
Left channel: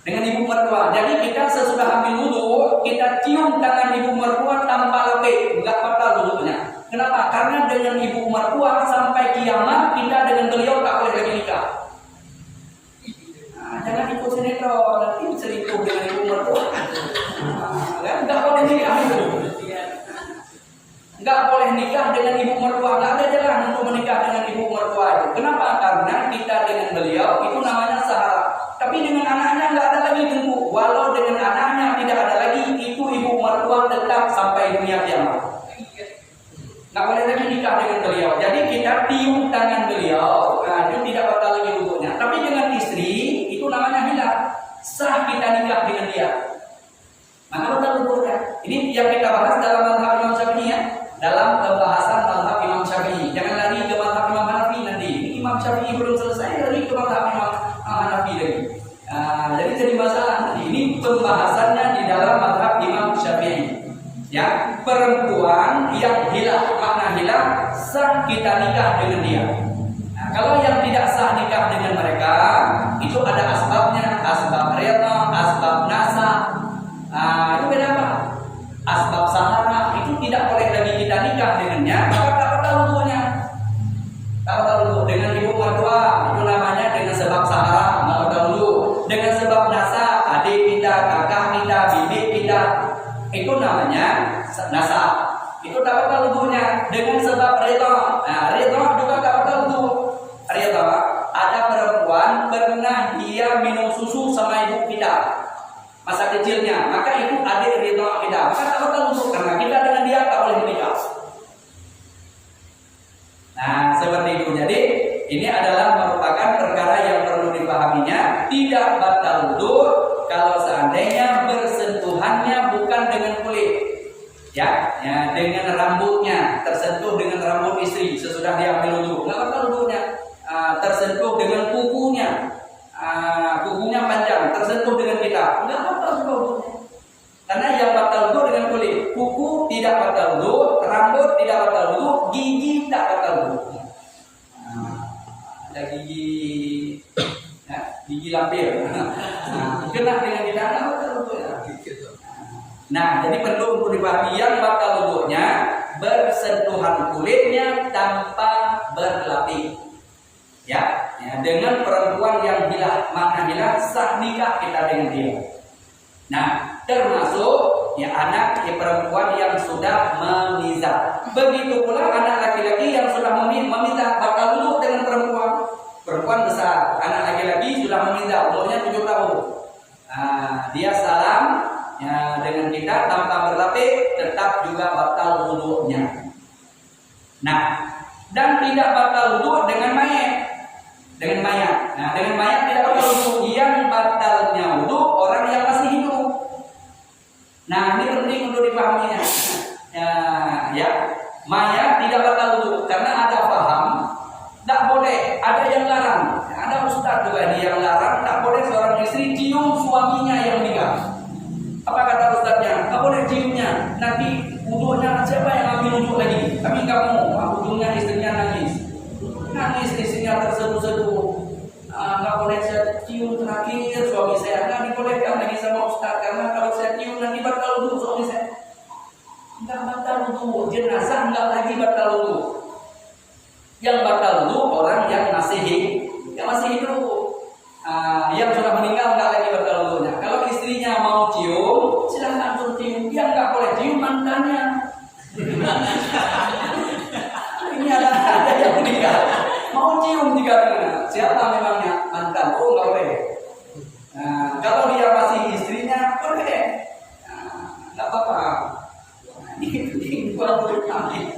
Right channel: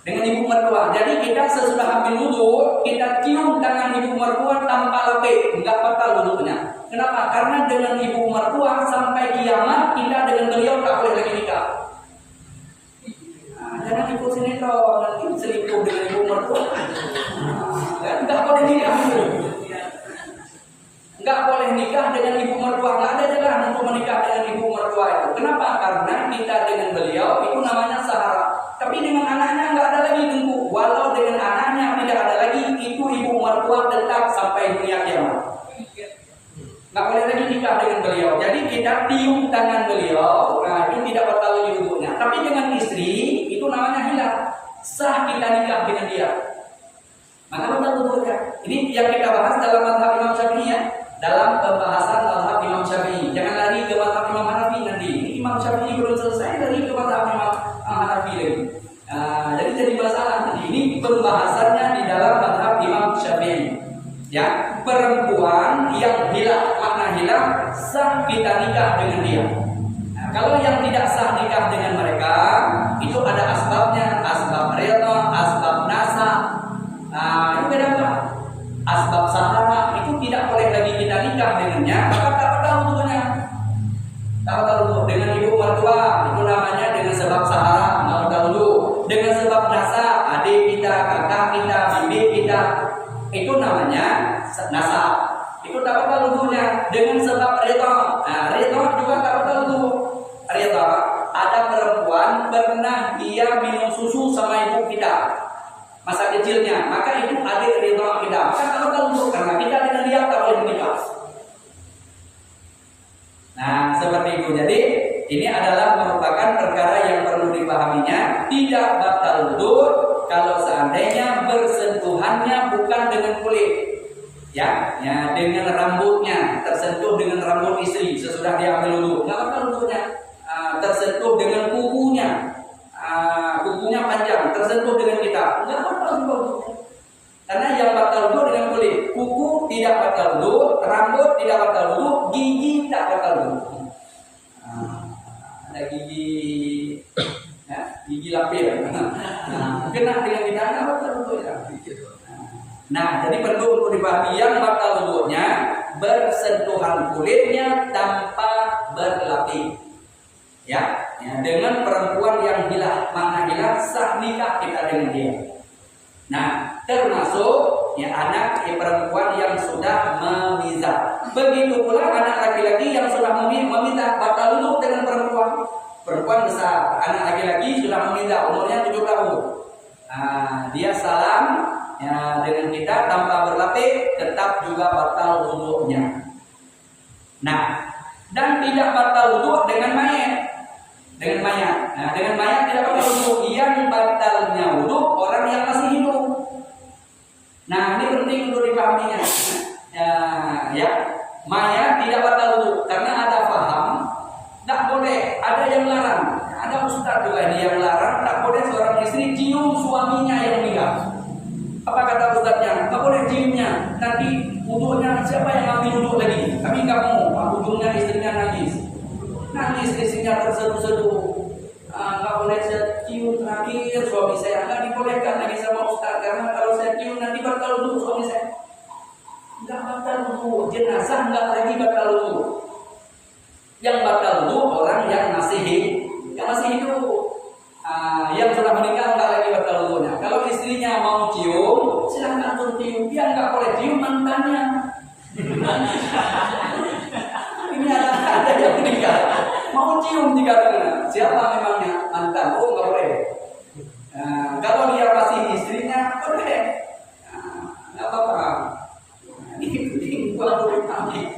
Dengan ibu mertua. Jadi kita sesudah ambil wudu, kita cium tangan ibu mertua tanpa lapik, enggak batal wudunya. Kenapa? Karena dengan ibu mertua sampai kiamat kita dengan beliau tak boleh lagi nikah. Jangan ikut sinetron, nanti selingkuh dengan ibu mertua. Enggak boleh nikah itu. Enggak boleh nikah dengan ibu mertua, enggak ada jalan untuk menikah dengan ibu mertua itu. Kenapa? Karena kita dengan beliau itu namanya sahara. Tapi dengan anaknya enggak ada lagi tunggu. Walau dengan anaknya tidak ada lagi, itu ibu mertua tetap sampai dunia kiamat. Enggak boleh lagi nikah dengan beliau. Jadi kita tiup tangan beliau, itu tidak batal lagi wudunya. Tapi dengan istri itu namanya hilang. Sah kita nikah dengan dia. Maka batal wudunya. Ini yang kita bahas dalam mazhab Imam Syafi'i ya. Dalam pembahasan mazhab Imam Syafi'i. Jangan lari ke mazhab Imam Hanafi nanti. Ini Imam Syafi'i belum selesai, lari ke mazhab Imam Hanafi lagi. Jadi masalah. Ini pembahasannya di dalam mazhab Imam Syafi'i. Ya, perempuan yang hilang, makna hilang, sah kita nikah dengan dia. Kalau yang tidak sah nikah dengan mereka, itu ada asbabnya, asbab rida, asbab nasa. Itu beda apa? Asbab sahara itu tidak boleh lagi kita nikah dengannya, maka tak batal wudu. sebab sahara nggak batal wudu, dengan sebab nasab adik kita, kakak kita, bibi kita, itu namanya nasab, itu tak batal wudunya. Dengan sebab ridha, ridha juga tak batal wudu. Ridha, ada perempuan pernah dia minum susu sama ibu kita masa kecilnya, maka itu adik ridha kita, maka tak batal wudu karena kita dengan dia tak boleh menikah. Nah, seperti itu. Jadi ini adalah merupakan perkara yang perlu dipahaminya. Tidak batal wudu kalau seandainya bersentuhannya bukan dengan kulit, ya dengan rambutnya, tersentuh dengan rambut istri sesudah dia ambil wudu, nggak batal wudunya. Tersentuh dengan kukunya, kukunya panjang, tersentuh dengan kita, nggak batal juga wudunya. Karena yang batal wudu dengan kulit, kuku tidak batal wudu, rambut tidak batal wudu, gigi tak batal wudu. Ada gigi, ya, gigi lampir, kena dengan kita nggak batal wudu ya. Nah, jadi perlu untuk dipahami yang batal wudunya bersentuhan kulitnya tanpa berlapis. Ya, dengan perempuan yang hilah, mana hilah sah nikah kita dengan dia. Nah, termasuk anak perempuan yang sudah memizah. Begitu pula anak laki-laki yang sudah memizah, batal wudu dengan perempuan besar. Anak laki-laki sudah memizah, umurnya 7 tahun. Dia salam dengan kita tanpa berlapis, tetap juga batal wudunya. Nah, dan tidak batal wudu dengan mayat. Nah, dengan mayat tidak batal wudu. Yang batalnya wudu orang yang masih hidup. Nah, ini penting untuk dipahaminya. Mayat tidak batal wudu karena ada paham tak boleh, ada yang larang. Ada ustaz juga ini yang larang, tak boleh seorang istri cium suaminya yang meninggal. Apa kata ustaznya? Tak boleh ciumnya. Nanti wudunya siapa yang ambil wudu lagi? Kami nggak mau. Ujungnya istrinya nangis istrinya terseduh-seduh. Nggak boleh saya cium terakhir suami saya. Nggak dibolehkan lagi sama ustaz karena kalau saya cium nanti batal wudu suami saya. Nggak batal wudu. Jenazah nggak lagi batal wudu. Yang batal wudu orang yang masih hidup. Yang sudah meninggal nggak lagi batal wudunya. Kalau istrinya mau cium, silahkan untuk cium. Yang nggak boleh cium mantannya. Ini ada yang meninggal, mau cium jika siapa memangnya mantan? Oh nggak boleh. Kalau dia masih istrinya boleh, nggak apa-apa. Ini penting buat kami.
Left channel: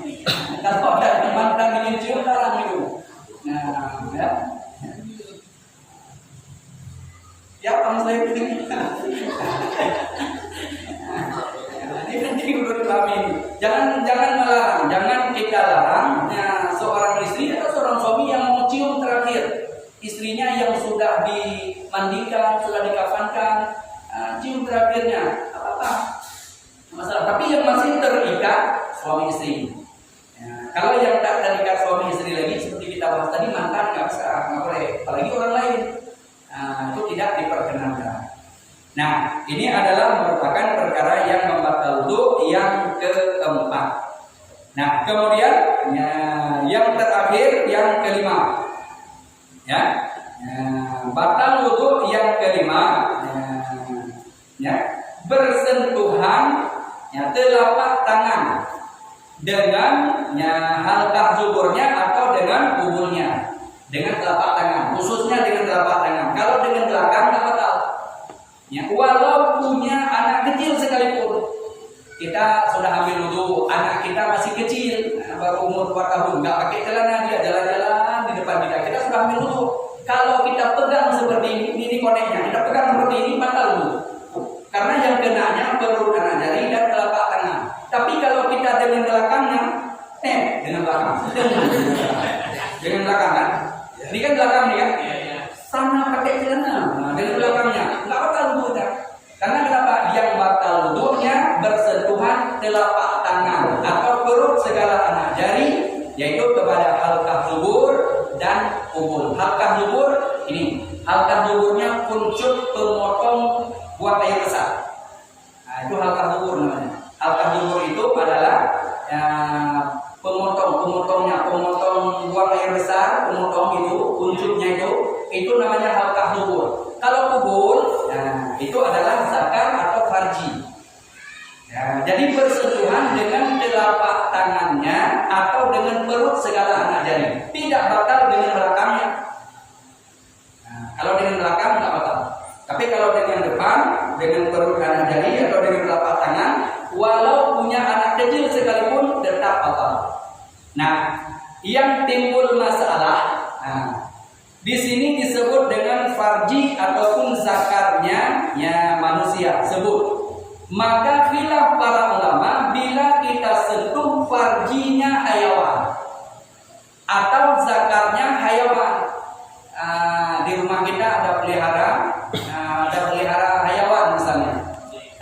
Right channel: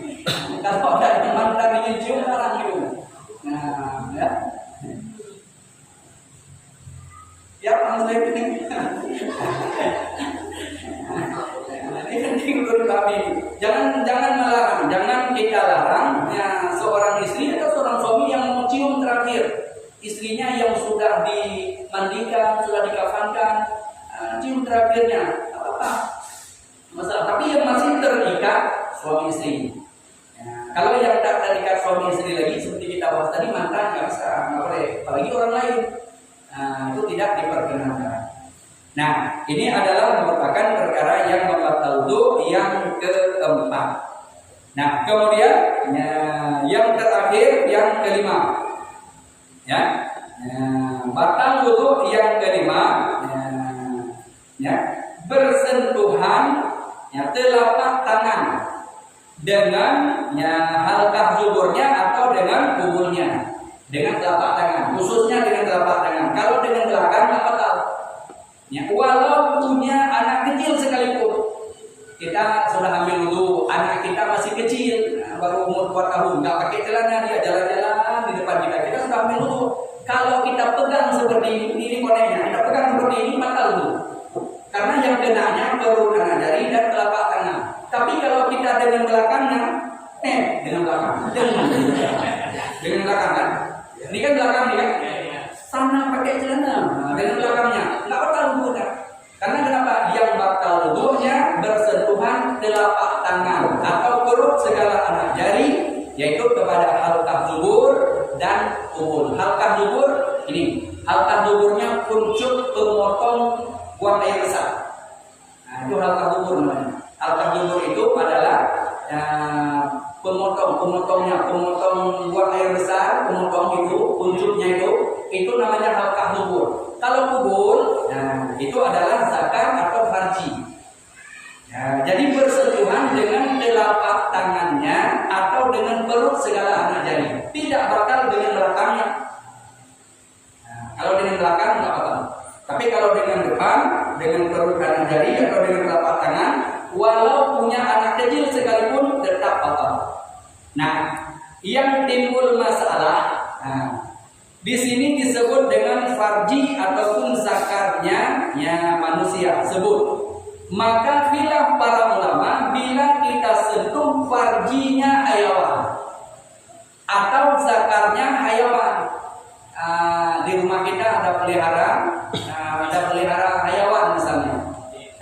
Kalau ada yang mantan ingin cium larang itu. Ya, langsung ini penting untuk dipahami ini. Jangan melarang, jangan kita larang seorang istri atau seorang suami yang mau cium terakhir istrinya yang sudah dimandikan, sudah dikafankan, cium terakhirnya apa masalah. Tapi yang masih terikat suami istri. Kalau yang tak terikat suami istri lagi seperti kita bahas tadi, mantan nggak boleh, apalagi orang lain. Itu tidak diperkenankan. Nah, ini adalah merupakan perkara yang membatal wudu yang keempat. Nah, kemudian yang terakhir, yang kelima, batal wudu yang kelima, bersentuhan telapak tangan dengan halqah zuburnya atau dengan kubulnya. Dengan telapak tangan, khususnya dengan telapak tangan. Kalau dengan belakang nggak batal. Walau punya anak kecil sekalipun, kita sudah ambil wudu, anak kita masih kecil, baru umur 2 tahun, nggak pakai celana, dia jalan-jalan di depan kita sudah ambil wudu. Kalau kita pegang seperti ini koneknya, kita pegang seperti ini batal wudu. Karena yang kenanya baru anak jari dan telapak tangan. Tapi kalau kita dengan belakangnya, dengan belakang kan? Ini kan belakang nih kan? Sana pakai celana, dengan belakangnya nggak batal wudunya. Karena kenapa? Yang batal wudunya bersentuhan telapak tangan atau perut segala anak jari, yaitu kepada halqah zubur dan ubul. Halqah zubur ini, halqah zuburnya kuncup pemotong buang air besar. Itu halqah zubur namanya. Halqah zubur itu adalah pemotong buang air besar, pemotong itu kuncupnya itu itu namanya halqah kubur. Kalau kubur, nah itu adalah zakar atau farji. Ya, jadi bersentuhan dengan telapak tangannya atau dengan perut segala anak jari, tidak batal dengan belakangnya. Nah, kalau dengan belakang nggak batal. Tapi kalau dengan depan, dengan perut anak jari atau dengan telapak tangan, walau punya anak kecil sekalipun tetap batal. Nah, yang timbul masalah, di sini disebut dengan farji ataupun zakarnya ya manusia sebut. Maka khilaf para ulama bila kita sentuh farjinya hayawan atau zakarnya hayawan. Di rumah kita ada pelihara hayawan misalnya.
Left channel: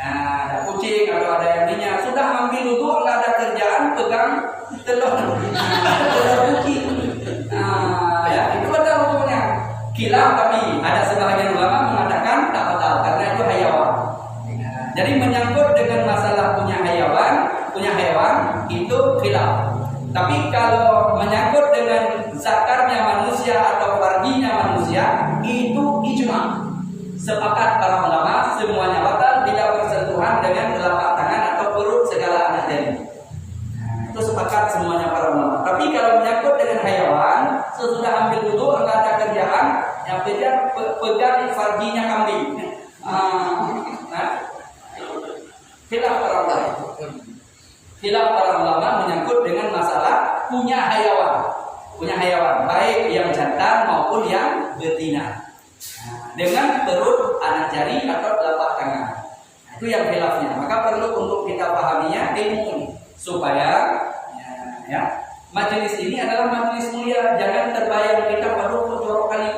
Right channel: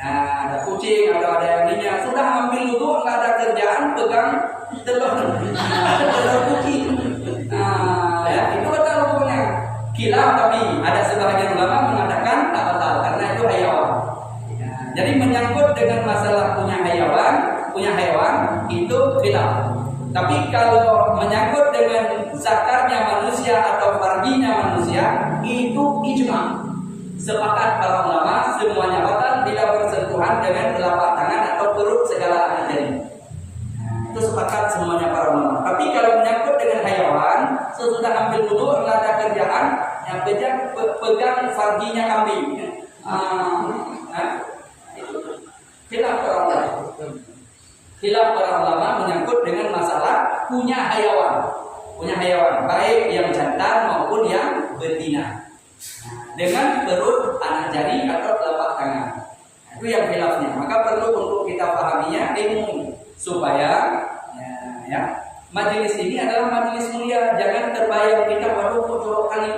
Ada kucing atau ada yang lainnya, sudah ambil wudu nggak ada kerjaan pegang telur kucing. Ya itu betul wudunya. Khilaf, tapi ada sebagian ulama mengatakan tak batal karena itu hayawan. Jadi menyangkut dengan masalah punya hewan itu khilaf. Tapi kalau menyangkut dengan zakarnya manusia atau farjinya manusia itu ijma. Sepakat para ulama semuanya batal bila bersentuhan dengan telapak tangan atau perut segala anak jari. Itu sepakat semuanya para ulama. Tapi kalau menyangkut dengan hewan, sesudah ambil wudu enggak ada kerjaan, yang pegang farjinya kambing. Khilaf para ulama menyangkut dengan masalah punya hewan baik yang jantan maupun yang betina dengan perut anak jari atau telapak tangan. Itu yang khilafnya. Maka perlu untuk kita pahaminya ilmu ini supaya majelis ini adalah majelis mulia. Jangan terbayang kita waduh jorok kali.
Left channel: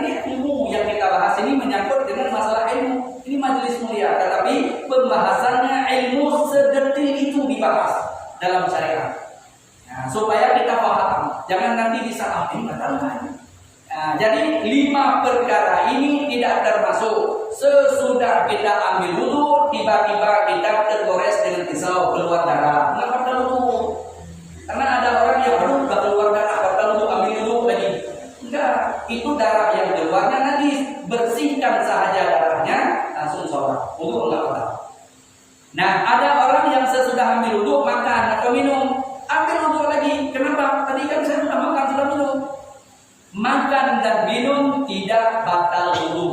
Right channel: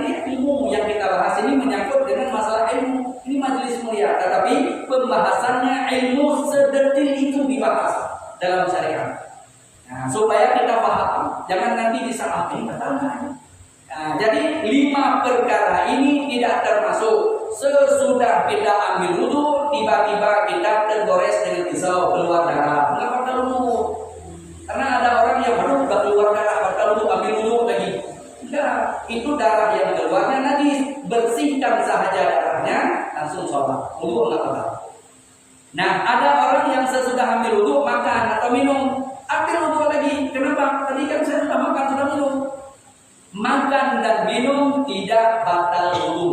Ini ilmu yang kita bahas ini menyangkut dengan masalah ilmu. Ini majelis mulia, tetapi pembahasannya ilmu sedetil itu dibahas dalam syariat. Supaya kita paham. Jangan nanti disalah ini betul kan? Jadi 5 perkara ini tidak termasuk sesudah kita ambil wudu tiba-tiba kita tergores dengan pisau keluar darah. Enggak batal wudu. Karena ada orang yang udah keluar darah batal wudu ambil wudu lagi. Enggak, itu darah yang keluarnya najis, bersihkan saja darahnya langsung sholat. Wudu enggak batal. Nah, ada orang yang sesudah ambil wudu makan atau minum, ambil wudu lagi. Kenapa? Tadi kan saya sudah makan, sudah minum. Makan dan minum tidak batal wudu.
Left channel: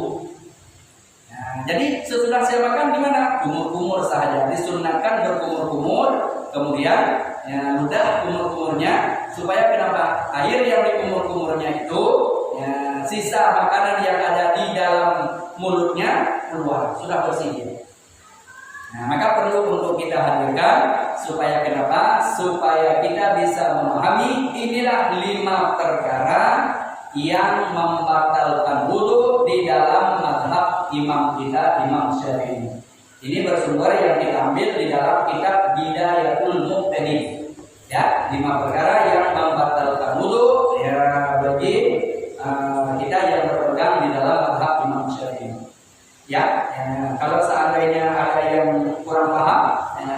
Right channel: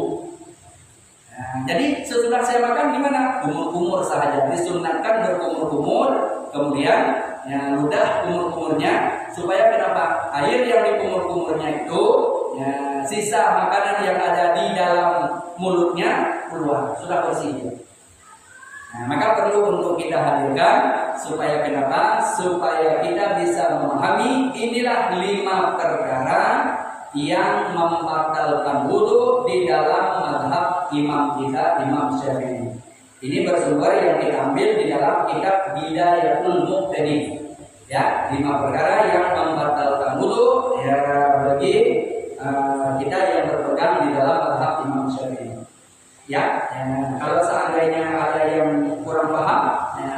Nah, jadi sesudah saya makan gimana? Kumur-kumur saja. Disunatkan berkumur-kumur, kemudian ludah kumur-kumurnya supaya kenapa? Air yang dikumur-kumurnya itu sisa makanan yang ada di dalam mulutnya keluar, sudah bersih. Nah, maka perlu untuk kita hadirkan supaya kenapa? Supaya kita bisa memahami inilah 5 perkara yang membatalkan wudu di dalam mazhab imam kita, Imam Syafi'i. Ini bersumber yang kita ambil di dalam kitab Bidayatul Muqtadin. Ya, 5 perkara yang membatalkan wudu ya bagi kita yang berpegang di dalam mazhab Imam Syafi'i. Ya, kalau seandainya ada yang kurang paham,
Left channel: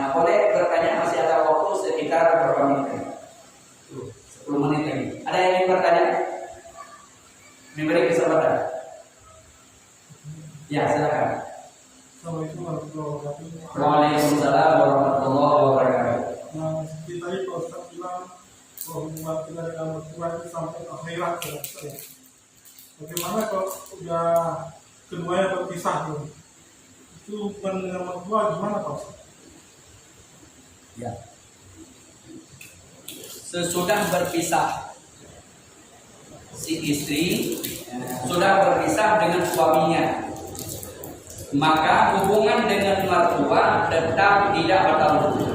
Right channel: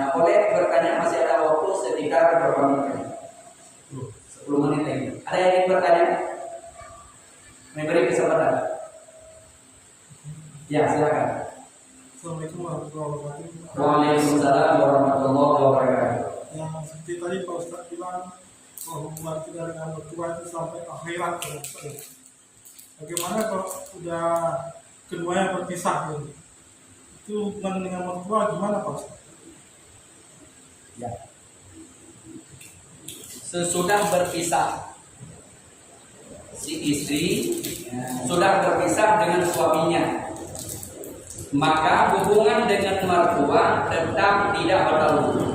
boleh bertanya, masih ada waktu sekitar berapa menit? 10 menit lagi. Ada yang ingin bertanya? Memberi kesempatan. Ya, silakan. Assalamualaikum warahmatullahi wabarakatuh. Waalaikumsalam warahmatullahi wabarakatuh. Nah, seperti tadi Pak Ustaz bilang bahwa kita dengan mertua itu sampai akhirat ya. Bagaimana kalau udah keduanya berpisah tuh? Itu hubungan dengan mertua gimana Pak Ustaz? Ya. Sesudah berpisah si istri sudah berpisah dengan suaminya, maka hubungan dengan mertua tetap tidak batal wudu.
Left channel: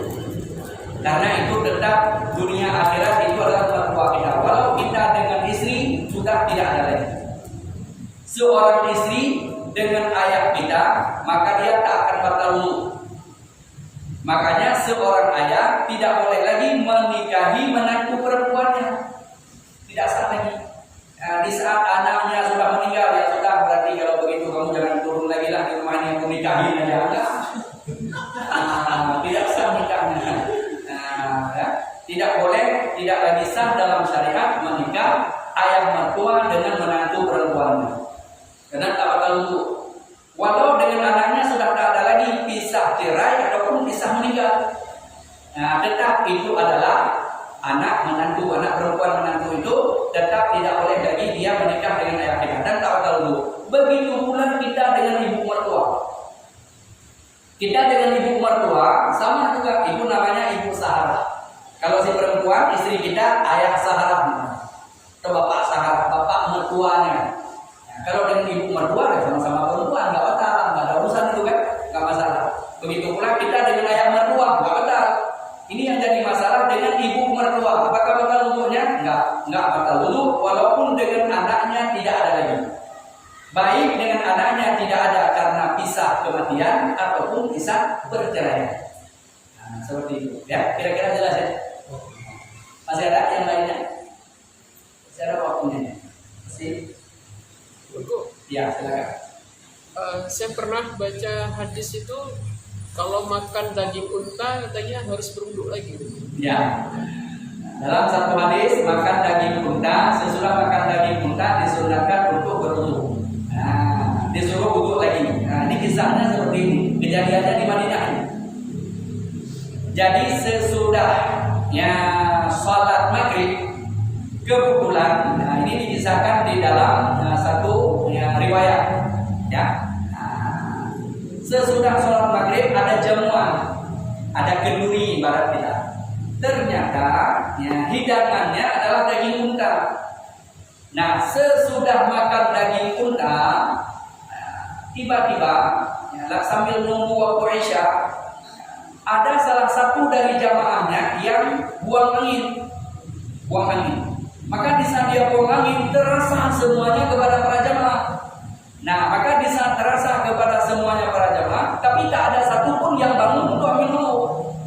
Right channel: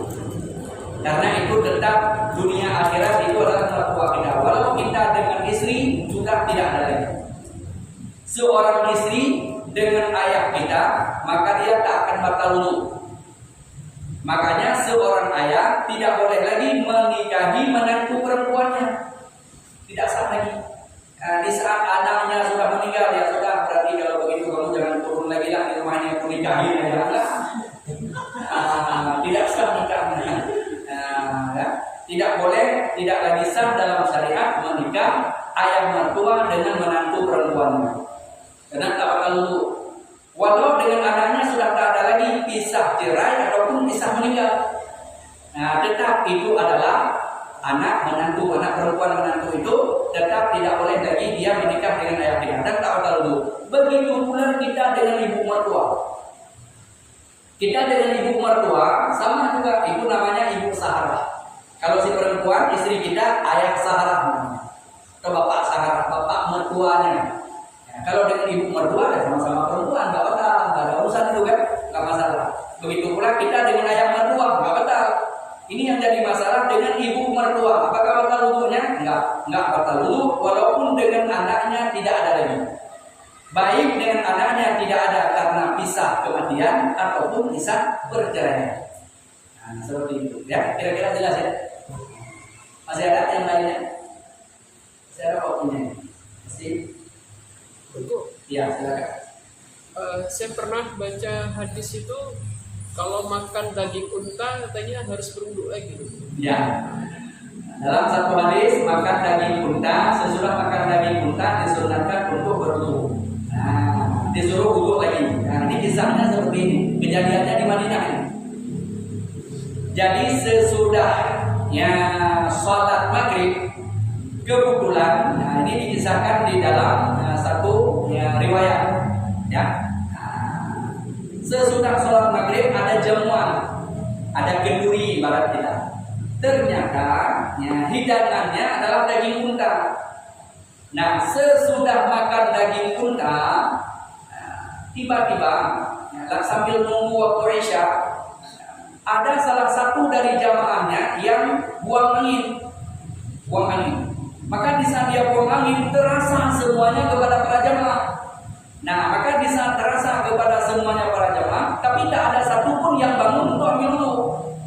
Karena itu tetap dunia akhirat itu adalah mertua kita. Walau kita dengan istri sudah tidak ada lagi. Seorang istri dengan ayah kita, maka dia tak akan batal wudu. Makanya seorang ayah tidak boleh lagi menikahi menantu perempuannya. Tidak sah lagi. Di saat anaknya sudah meninggal, ya sudah, berarti kalau begitu kamu jangan turun lagi lah di rumah ini, aku nikahin aja. Enggak. Tidak sah nikahnya. Ya. Tidak boleh, tidak lagi sah dalam syariat menikah ayah mertua dengan menantu perempuannya. Karena tak bakal wudu. Walau dengan anaknya sudah tak ada lagi pisah cerai ataupun pisah meninggal. Nah, tetap itu adalah anak menantu, anak perempuan menantu itu tetap tidak boleh lagi dia menikah dengan ayah kita dan tak bakal wudu. Begitu pula kita dengan ibu mertua. Kita dengan ibu mertua sama juga, ibu namanya ibu saharah. Kalau si perempuan istri kita ayah saharah atau bapak saharah, bapak mertuanya. Ya, kalau dengan ibu mertua ya sama-sama perempuan, nggak batal, nggak ada urusan itu kan, nggak masalah. Begitu pula kita dengan ayah mertua nggak batal. Ini yang jadi masalah dengan ibu mertua. Apakah batal wudunya? Nggak batal wudu walaupun dengan anaknya tidak ada lagi. Baik dengan anaknya tidak ada karena pisah kematian ataupun pisah perceraian. Nah, seperti itu. Ya, kira-kira jelas ya? Masih ada yang lainnya? Masih ada waktunya? Masih? Ya, silakan. Saya pernah baca hadis itu kalau makan daging unta katanya harus berwudu lagi. Ya. Dalam satu hadis makan daging unta, sesudah makan daging unta disunatkan untuk berwudu. Nah, disuruh wudu lagi. Nah, ini kisahnya seperti ini. Kejadiannya di Madinah ini. Jadi sesudahnya sholat maghrib kebetulan, nah ini dikisahkan di dalam satu riwayat. Ya. Nah, sesudah sholat maghrib ada jamuan, ada kenduri barat kita. Ternyata ya, hidangannya adalah daging unta. Nah, sesudah makan daging unta, tiba-tiba ya, sambil nunggu waktu Isya, ada salah satu dari jamaahnya yang buang angin. Maka di saat dia buang angin, terasa semuanya kepada para jamaah. Nah, maka di saat terasa kepada semuanya para jamaah, tapi tak ada satupun yang bangun untuk ambil wudu.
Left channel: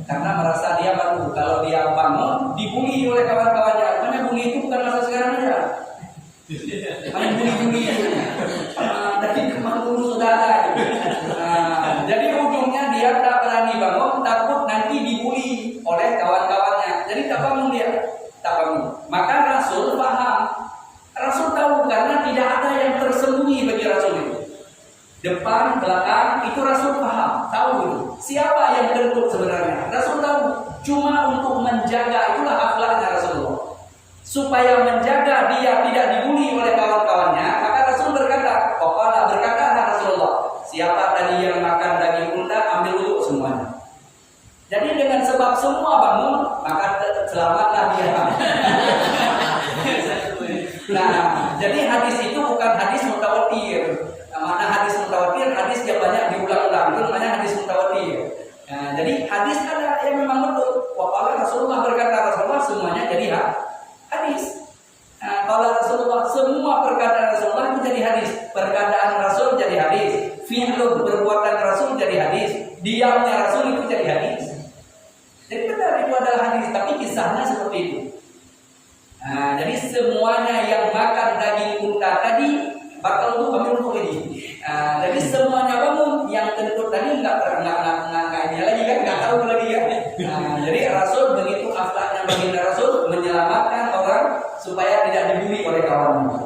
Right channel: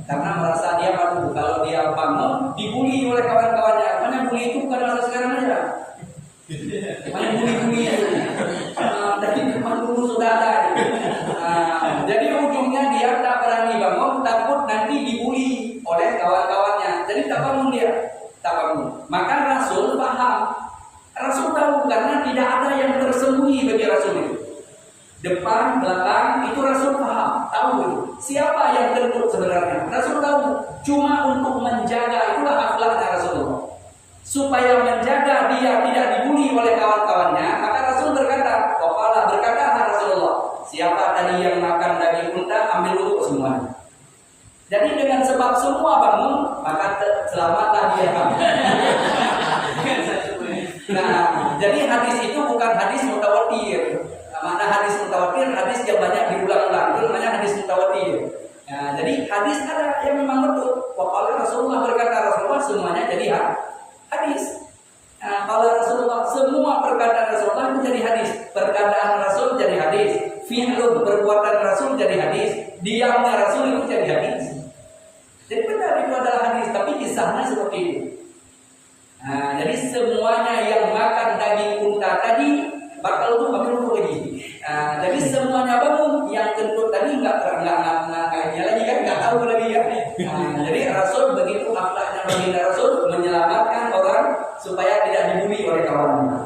Karena merasa dia malu. Kalau dia bangun, dibully oleh kawan-kawannya. Makanya bully itu bukan masa sekarang aja. Makanya bully itu. Dari kemarin dulu sudah ada. Jadi ujungnya dia tak berani bangun, takut nanti dibully oleh kawan-kawannya. Jadi tak bangun dia. Tak bangun. Maka Rasul paham. Rasul tahu karena tidak ada yang tersembunyi bagi Rasul itu. Depan, belakang, itu Rasul paham, tahu itu. Siapa yang kentut sebenarnya? Rasul tahu. Cuma untuk menjaga, itulah akhlaknya Rasulullah. Supaya menjaga dia tidak dibully oleh kawan-kawannya, maka Rasul berkata, berkata Rasulullah, siapa tadi yang makan daging unta, ambil wudu semuanya. Jadi dengan sebab semua bangun, maka selamatlah dia. Nah, jadi hadis itu bukan hadis mutawatir. Mana hadis mutawatir, hadis yang banyak diulang-ulang, itu namanya hadis mutawatir. Nah, jadi hadis ada yang memang betul. Waqala Rasulullah berkata Rasulullah semuanya jadi hadis. Nah, kalau Rasulullah semua perkataan Rasulullah itu jadi hadis. Perkataan Rasul jadi hadis. Fi'lun perbuatan Rasul jadi hadis. Diamnya Rasul itu jadi hadis. Jadi benar itu adalah hadis, tapi kisahnya seperti itu. Nah, jadi semuanya yang makan daging unta tadi bakal itu ambil wudu lagi. Jadi semuanya bangun, yang kentut tadi nggak dia lagi kan, nggak tahu lagi ya. Jadi Rasul begitu akhlaknya baginda Rasul menyelamatkan orang supaya tidak dibully oleh kawannya.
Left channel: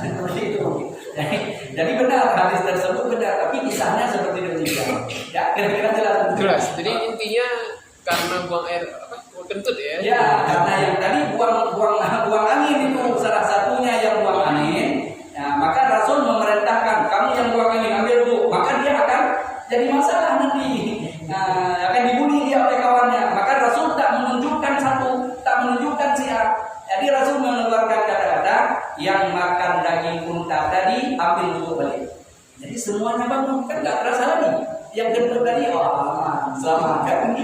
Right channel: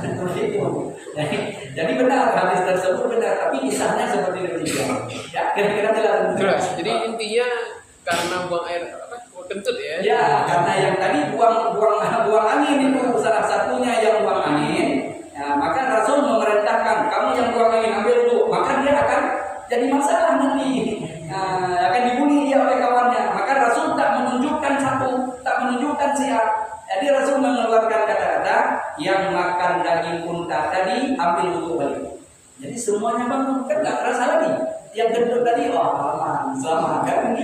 Seperti itu. Jadi benar hadis tersebut benar, tapi kisahnya seperti demikian. Ya, kira-kira jelas. Jelas. Jadi intinya karena buang air kentut ya. Ya, karena yang tadi buang angin itu salah satunya yang buang angin. Ya, maka Rasul memerintahkan kamu yang buang angin ambil wudu, maka dia akan jadi masalah nanti. Akan dibully dia oleh kawannya. Maka Rasul tak menunjukkan siap. Jadi Rasul mengeluarkan kata-kata yang makan daging unta tadi ambil wudu balik. Jadi semuanya bangun, kan nggak terasa lagi. Yang gendut tadi aman, selamat kan?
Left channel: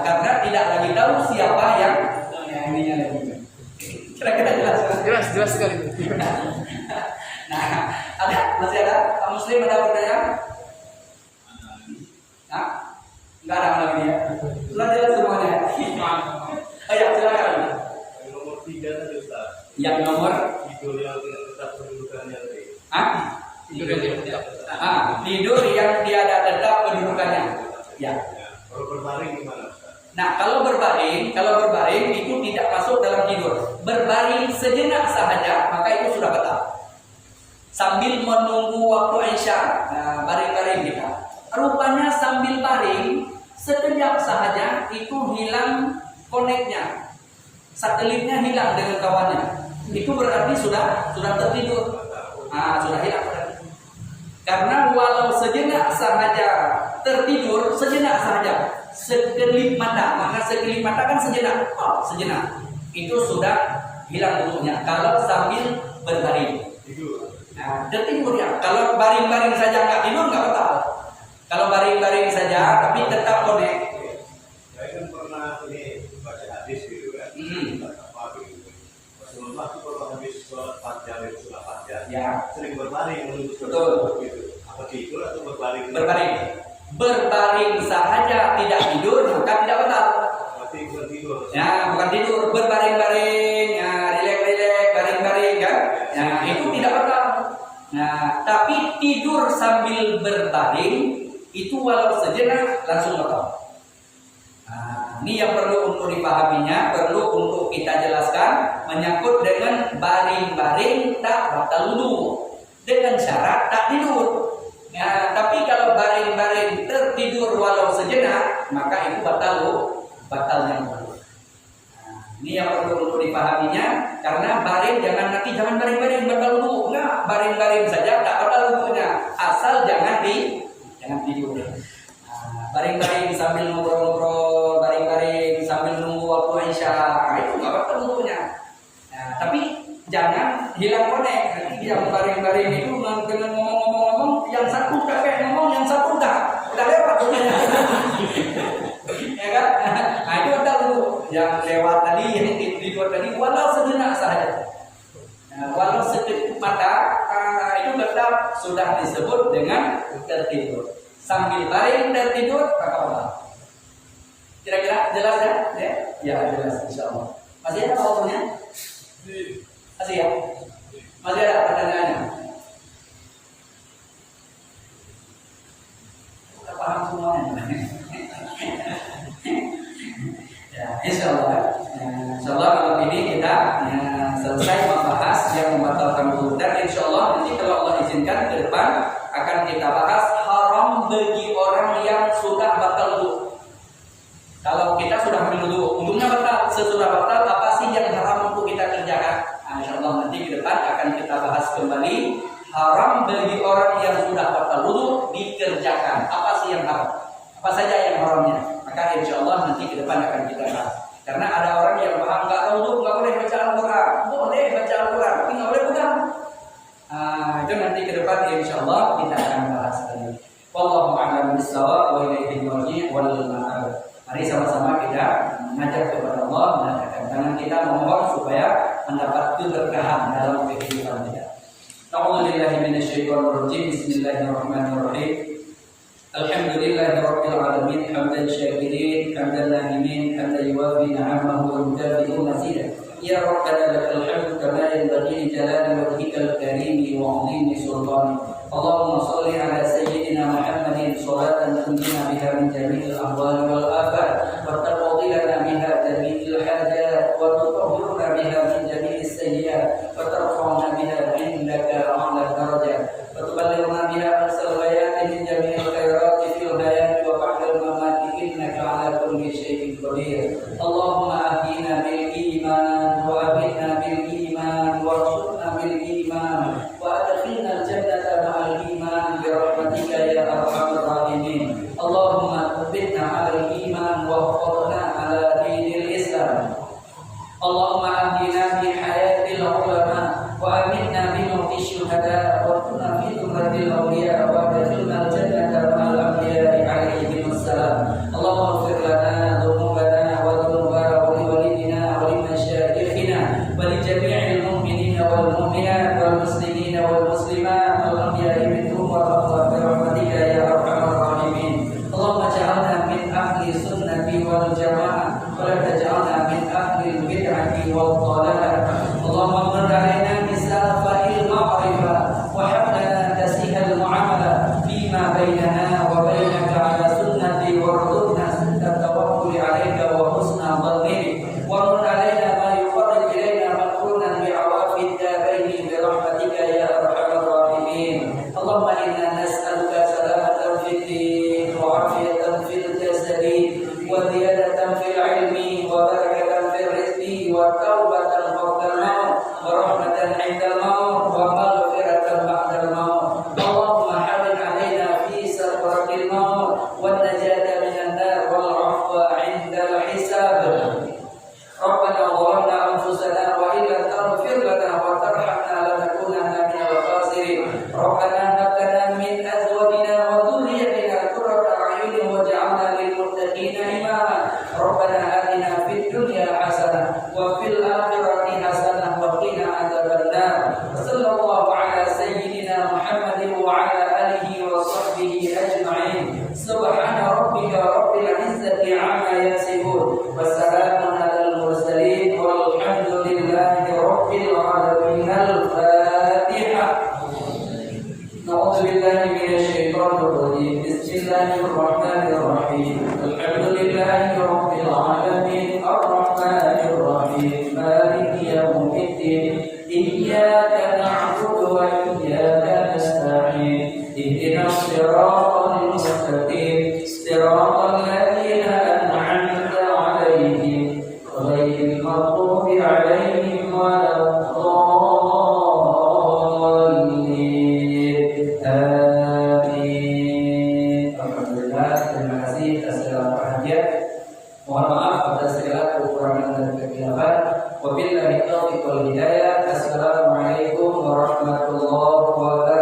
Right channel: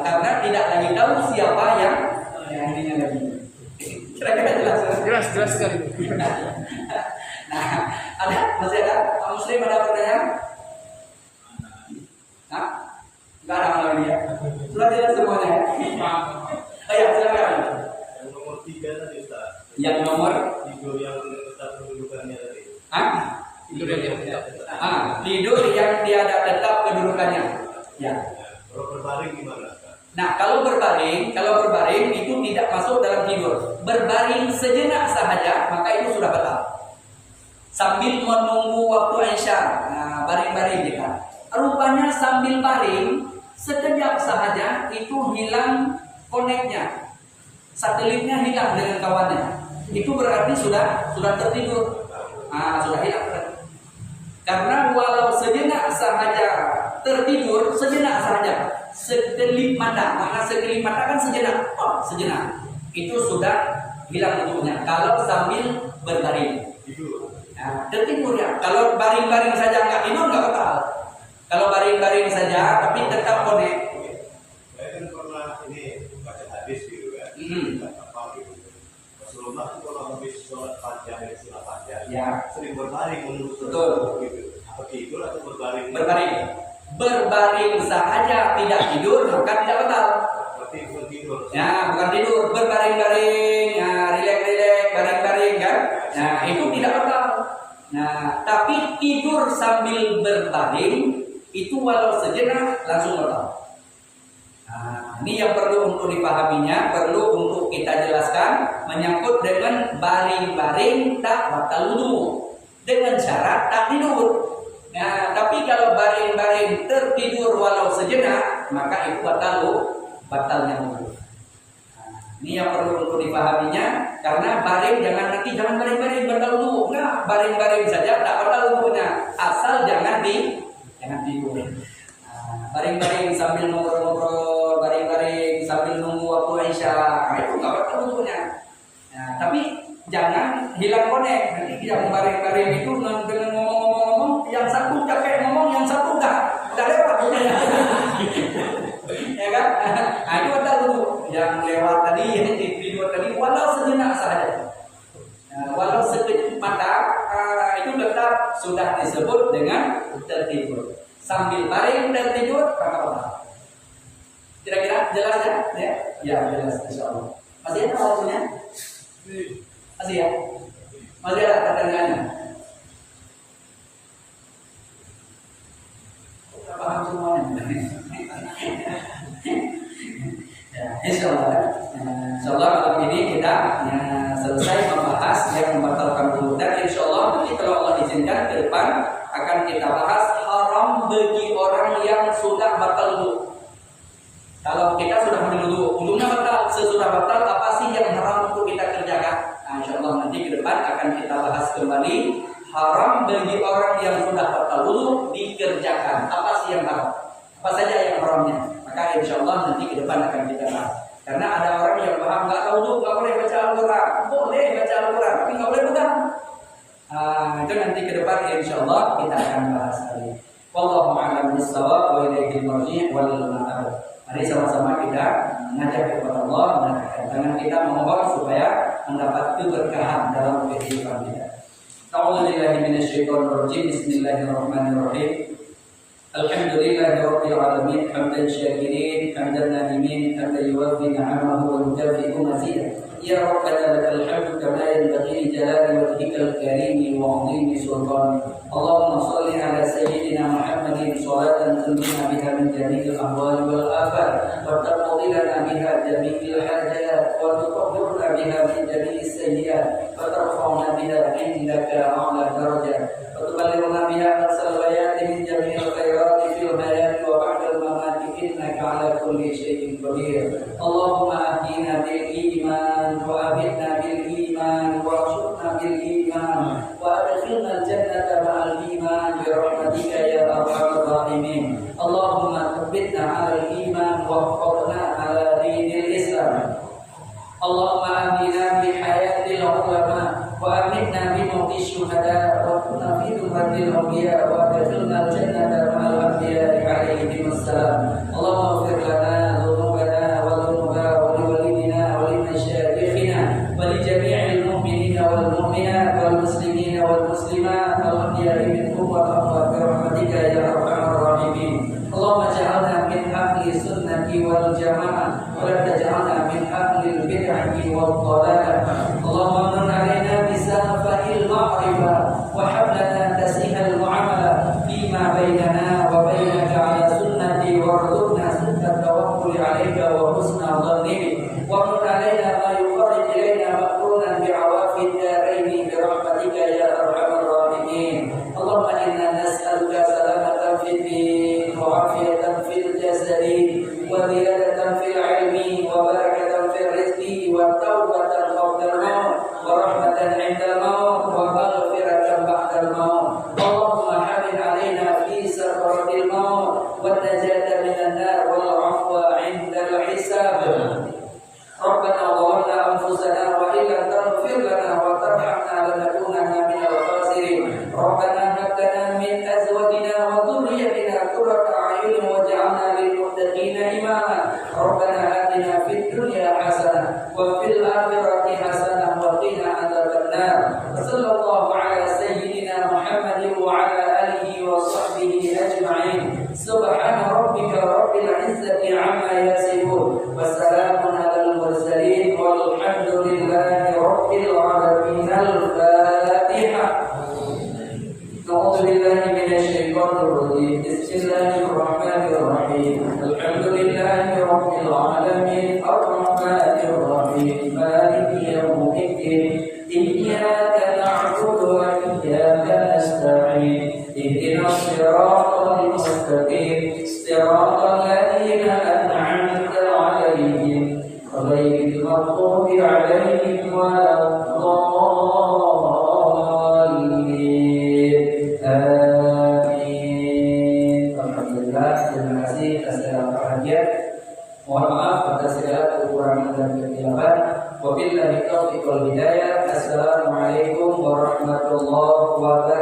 Karena tidak lagi tahu siapa yang ininya lagi. Kira-kira jelas? Jelas sekali. Nah, masih ada? Pak Muslim ada pertanyaan? Nggak ada lagi ya? Sudah jelas semuanya. Oh ya, silakan. Yang nomor 3 tadi Ustaz. Yang nomor tidur yang tidak tetap kedudukannya tadi. Tidur yang tidak tetap. Tidur yang tiada tetap kedudukannya. Ya. Kalau berbaring gimana Ustaz? Nah, kalau berbaring itu tidak masuk dalam tidur. Berbaring sejenak sahaja maka itu sudah batal. Sambil menunggu waktu Isya, nah, baring-baring kita. Rupanya sambil baring sekejap sahaja itu hilang koneknya, satelitnya hilang dengan kawannya. Itu berarti sudah tertidur. Sudah hilang berarti. Karena walau sejenak sahaja tertidur, sejenak sahaja, sekelip mata, maka sekelip mata kan sejenak, sejenak, itu sudah hilang bentuknya. Kalau sambil berbaring, tertidur ya. Kalau baring-baring saja nggak tidur nggak batal. Kalau baring-baring saja tapi tetap konek. Saya kan pernah ini baca hadis gitu kan, apa gitu. Rasulullah itu kalau habis sholat Fajr itu sholat Fajr, Ya. sering berbaring menunggu sholat Betul. gitu. Apa tidur atau berbaring? Berbaring sahaja tidak tidur maka tidak batal. Berarti bukan tidur. Ya, bukan tidur, berbaring-baring, ya, rileks-rileks, baring-baring kan. Nah, itu tidak batal. Nah, tapi tidur sambil berbaring itu walau sejenak langsung batal. Nah, ini yang perlu untuk dipahaminya, perlu untuk kita jelaskan menyangkut dengan baring-baring tak batal wudu dengan syarat tak tidur. Nah, tapi kalau baring-baring tertidur walau sejenak maka itu batalnya wudu. Nah, ini yang perlu untuk dipahaminya, karena baring jangan baring-baring batal wudu. Enggak, baring-baring saja tak batal wudunya, asal jangan tidur. Nah, baring-baring sambil ngobrol-ngobrol, baring-baring sambil nunggu waktu Isya, itu enggak batal wudunya. Nah, tapi jangan hilang konek. Nanti yang baring-baring itu dengan ngomong-ngomong, yang satu capek ngomong, yang satu udah lewat wudunya. Ya kan? Nah, itu batal wudu. Yang lewat tadi, yang tidur tadi, walau sejenak sahaja. Nah, walau sekejap mata, itu tetap sudah disebut dengan tertidur. Sambil baring tertidur, maka apa? Kira-kira jelas ya? Ya, jelas insyaallah. Masih ada waktunya? Masih ya? Masih ada pertanyaannya? Udah paham semuanya? Ya, insyaallah malam ini kita selesai membahas yang membatalkan wudu, dan insyaallah nanti kalau Allah izinkan ke depan akan kita bahas haram bagi orang yang sudah batal wudu. Kalau kita sudah ambil wudu, wudunya batal, sesudah batal apa sih yang haram untuk kita kerjakan? Insyaallah nanti ke depan akan kita bahas kembali haram bagi orang yang sudah batal wudu dikerjakan. Apa sih yang haram? Apa saja yang haramnya? Maka insyaallah nanti ke depan akan kita bahas. Karena ada orang yang paham nggak tahu nggak boleh baca Al-Quran, boleh baca Al-Quran, tapi nggak boleh pegang. Itu nanti ke depan insyaallah kita akan bahas lagi. Wallahu a'lam bishawab wa ilaihi marji' wal ma'ab. Mari sama-sama kita mengajak kepada Allah dan angkat tangan kita memohon supaya mendapat keberkahan dalam kehidupan kita. A'udzubillahi minasyaitonir rajim. Bismillahirrahmanirrahim. Alhamdulillahi rabbil alamin, hamdan syakirin, hamdan na'imin, hamdan yuwaffi ni'amahu wa yukafi'u mazidah. Ya Rabbana lakal hamdu kama yanbaghi li jalali wajhikal karimi wa 'azimi sultanik. Allahumma shalli ala sayyidina Muhammadin salatan tunjina biha min jami'il ahwali wal afat wa taqdi lana biha jami'il hajat wa tutahhiruna biha min jami'is sayyi'at wa tarfa'una biha indaka a'la darajat wa tuballighuna biha aqsal ghayati min jami'il khairati fil hayati wa ba'dal mamati innaka 'ala kulli syai'in qadir. Allahumma ahdina bil iman wa abidna bil iman warzuqna bil iman wa adkhilna al jannata ma'al iman bi rahmatika ya arhamar rahimin. Allahumma thabbitna 'alal iman wa ihfadhna 'ala dinil Islam. Allahumma ahdina bi hayatil ulama wa amitna bi mauti syuhada wa kunna fi dhumratil awliya wa adkhilna al jannata ma'al anbiya'i 'alaihim assalam. Allahumma ighfir lana dhunubana wa dhunuba wa liwalidina wa limasyayikhina wa li jami'il mu'minina wal mu'minat wal muslimina wal muslimat al ahya'i minhum wa taqwa bi rahmatika ya arhamar rahimin. Allahumma ja'alna min ahli sunnati wal jamaah wa la taj'alna min ahli bid'ati wal dhalalah. Allahumma amnun 'alaina bi safa'il ma'rifah wa hab lana tasihal mu'amala fima bainana wa bainaka 'ala sunnati warzuqna sidqat tawakkul 'alaika wa حسابنا ربنا ظلمنا أنفسنا وإن لم تغفر لنا وترحمنا لنكونن من الخاسرين ربنا هب لنا من أزواجنا وذريتنا قرة أعين واجعلنا للمتقين إماما ربنا آتنا في الدنيا حسنة وفي الآخرة حسنة وقنا عذاب النار وصلى الله على سيدنا محمد وعلى آله وصحبه أجمعين سبحان ربك رب العزة عما يصفون وسلام على المرسلين والحمد لله رب العالمين الفاتحة نعوذ بالله من الشيطان الرجيم بسم الله الرحمن الرحيم الحمد لله رب العالمين الرحمن الرحيم مالك يوم الدين إياك نعبد وإياك نستعين اهدنا الصراط المستقيم صراط الذين أنعمت عليهم غير المغضوب عليهم ولا الضالين آمين. Alhamdulillah, terima kasih atas segala perhatian. Mohon maaf atas segala kekurangan dan kekeliruan. Wabillahi taufiq wal hidayah. Assalamualaikum warahmatullahi wabarakatuh.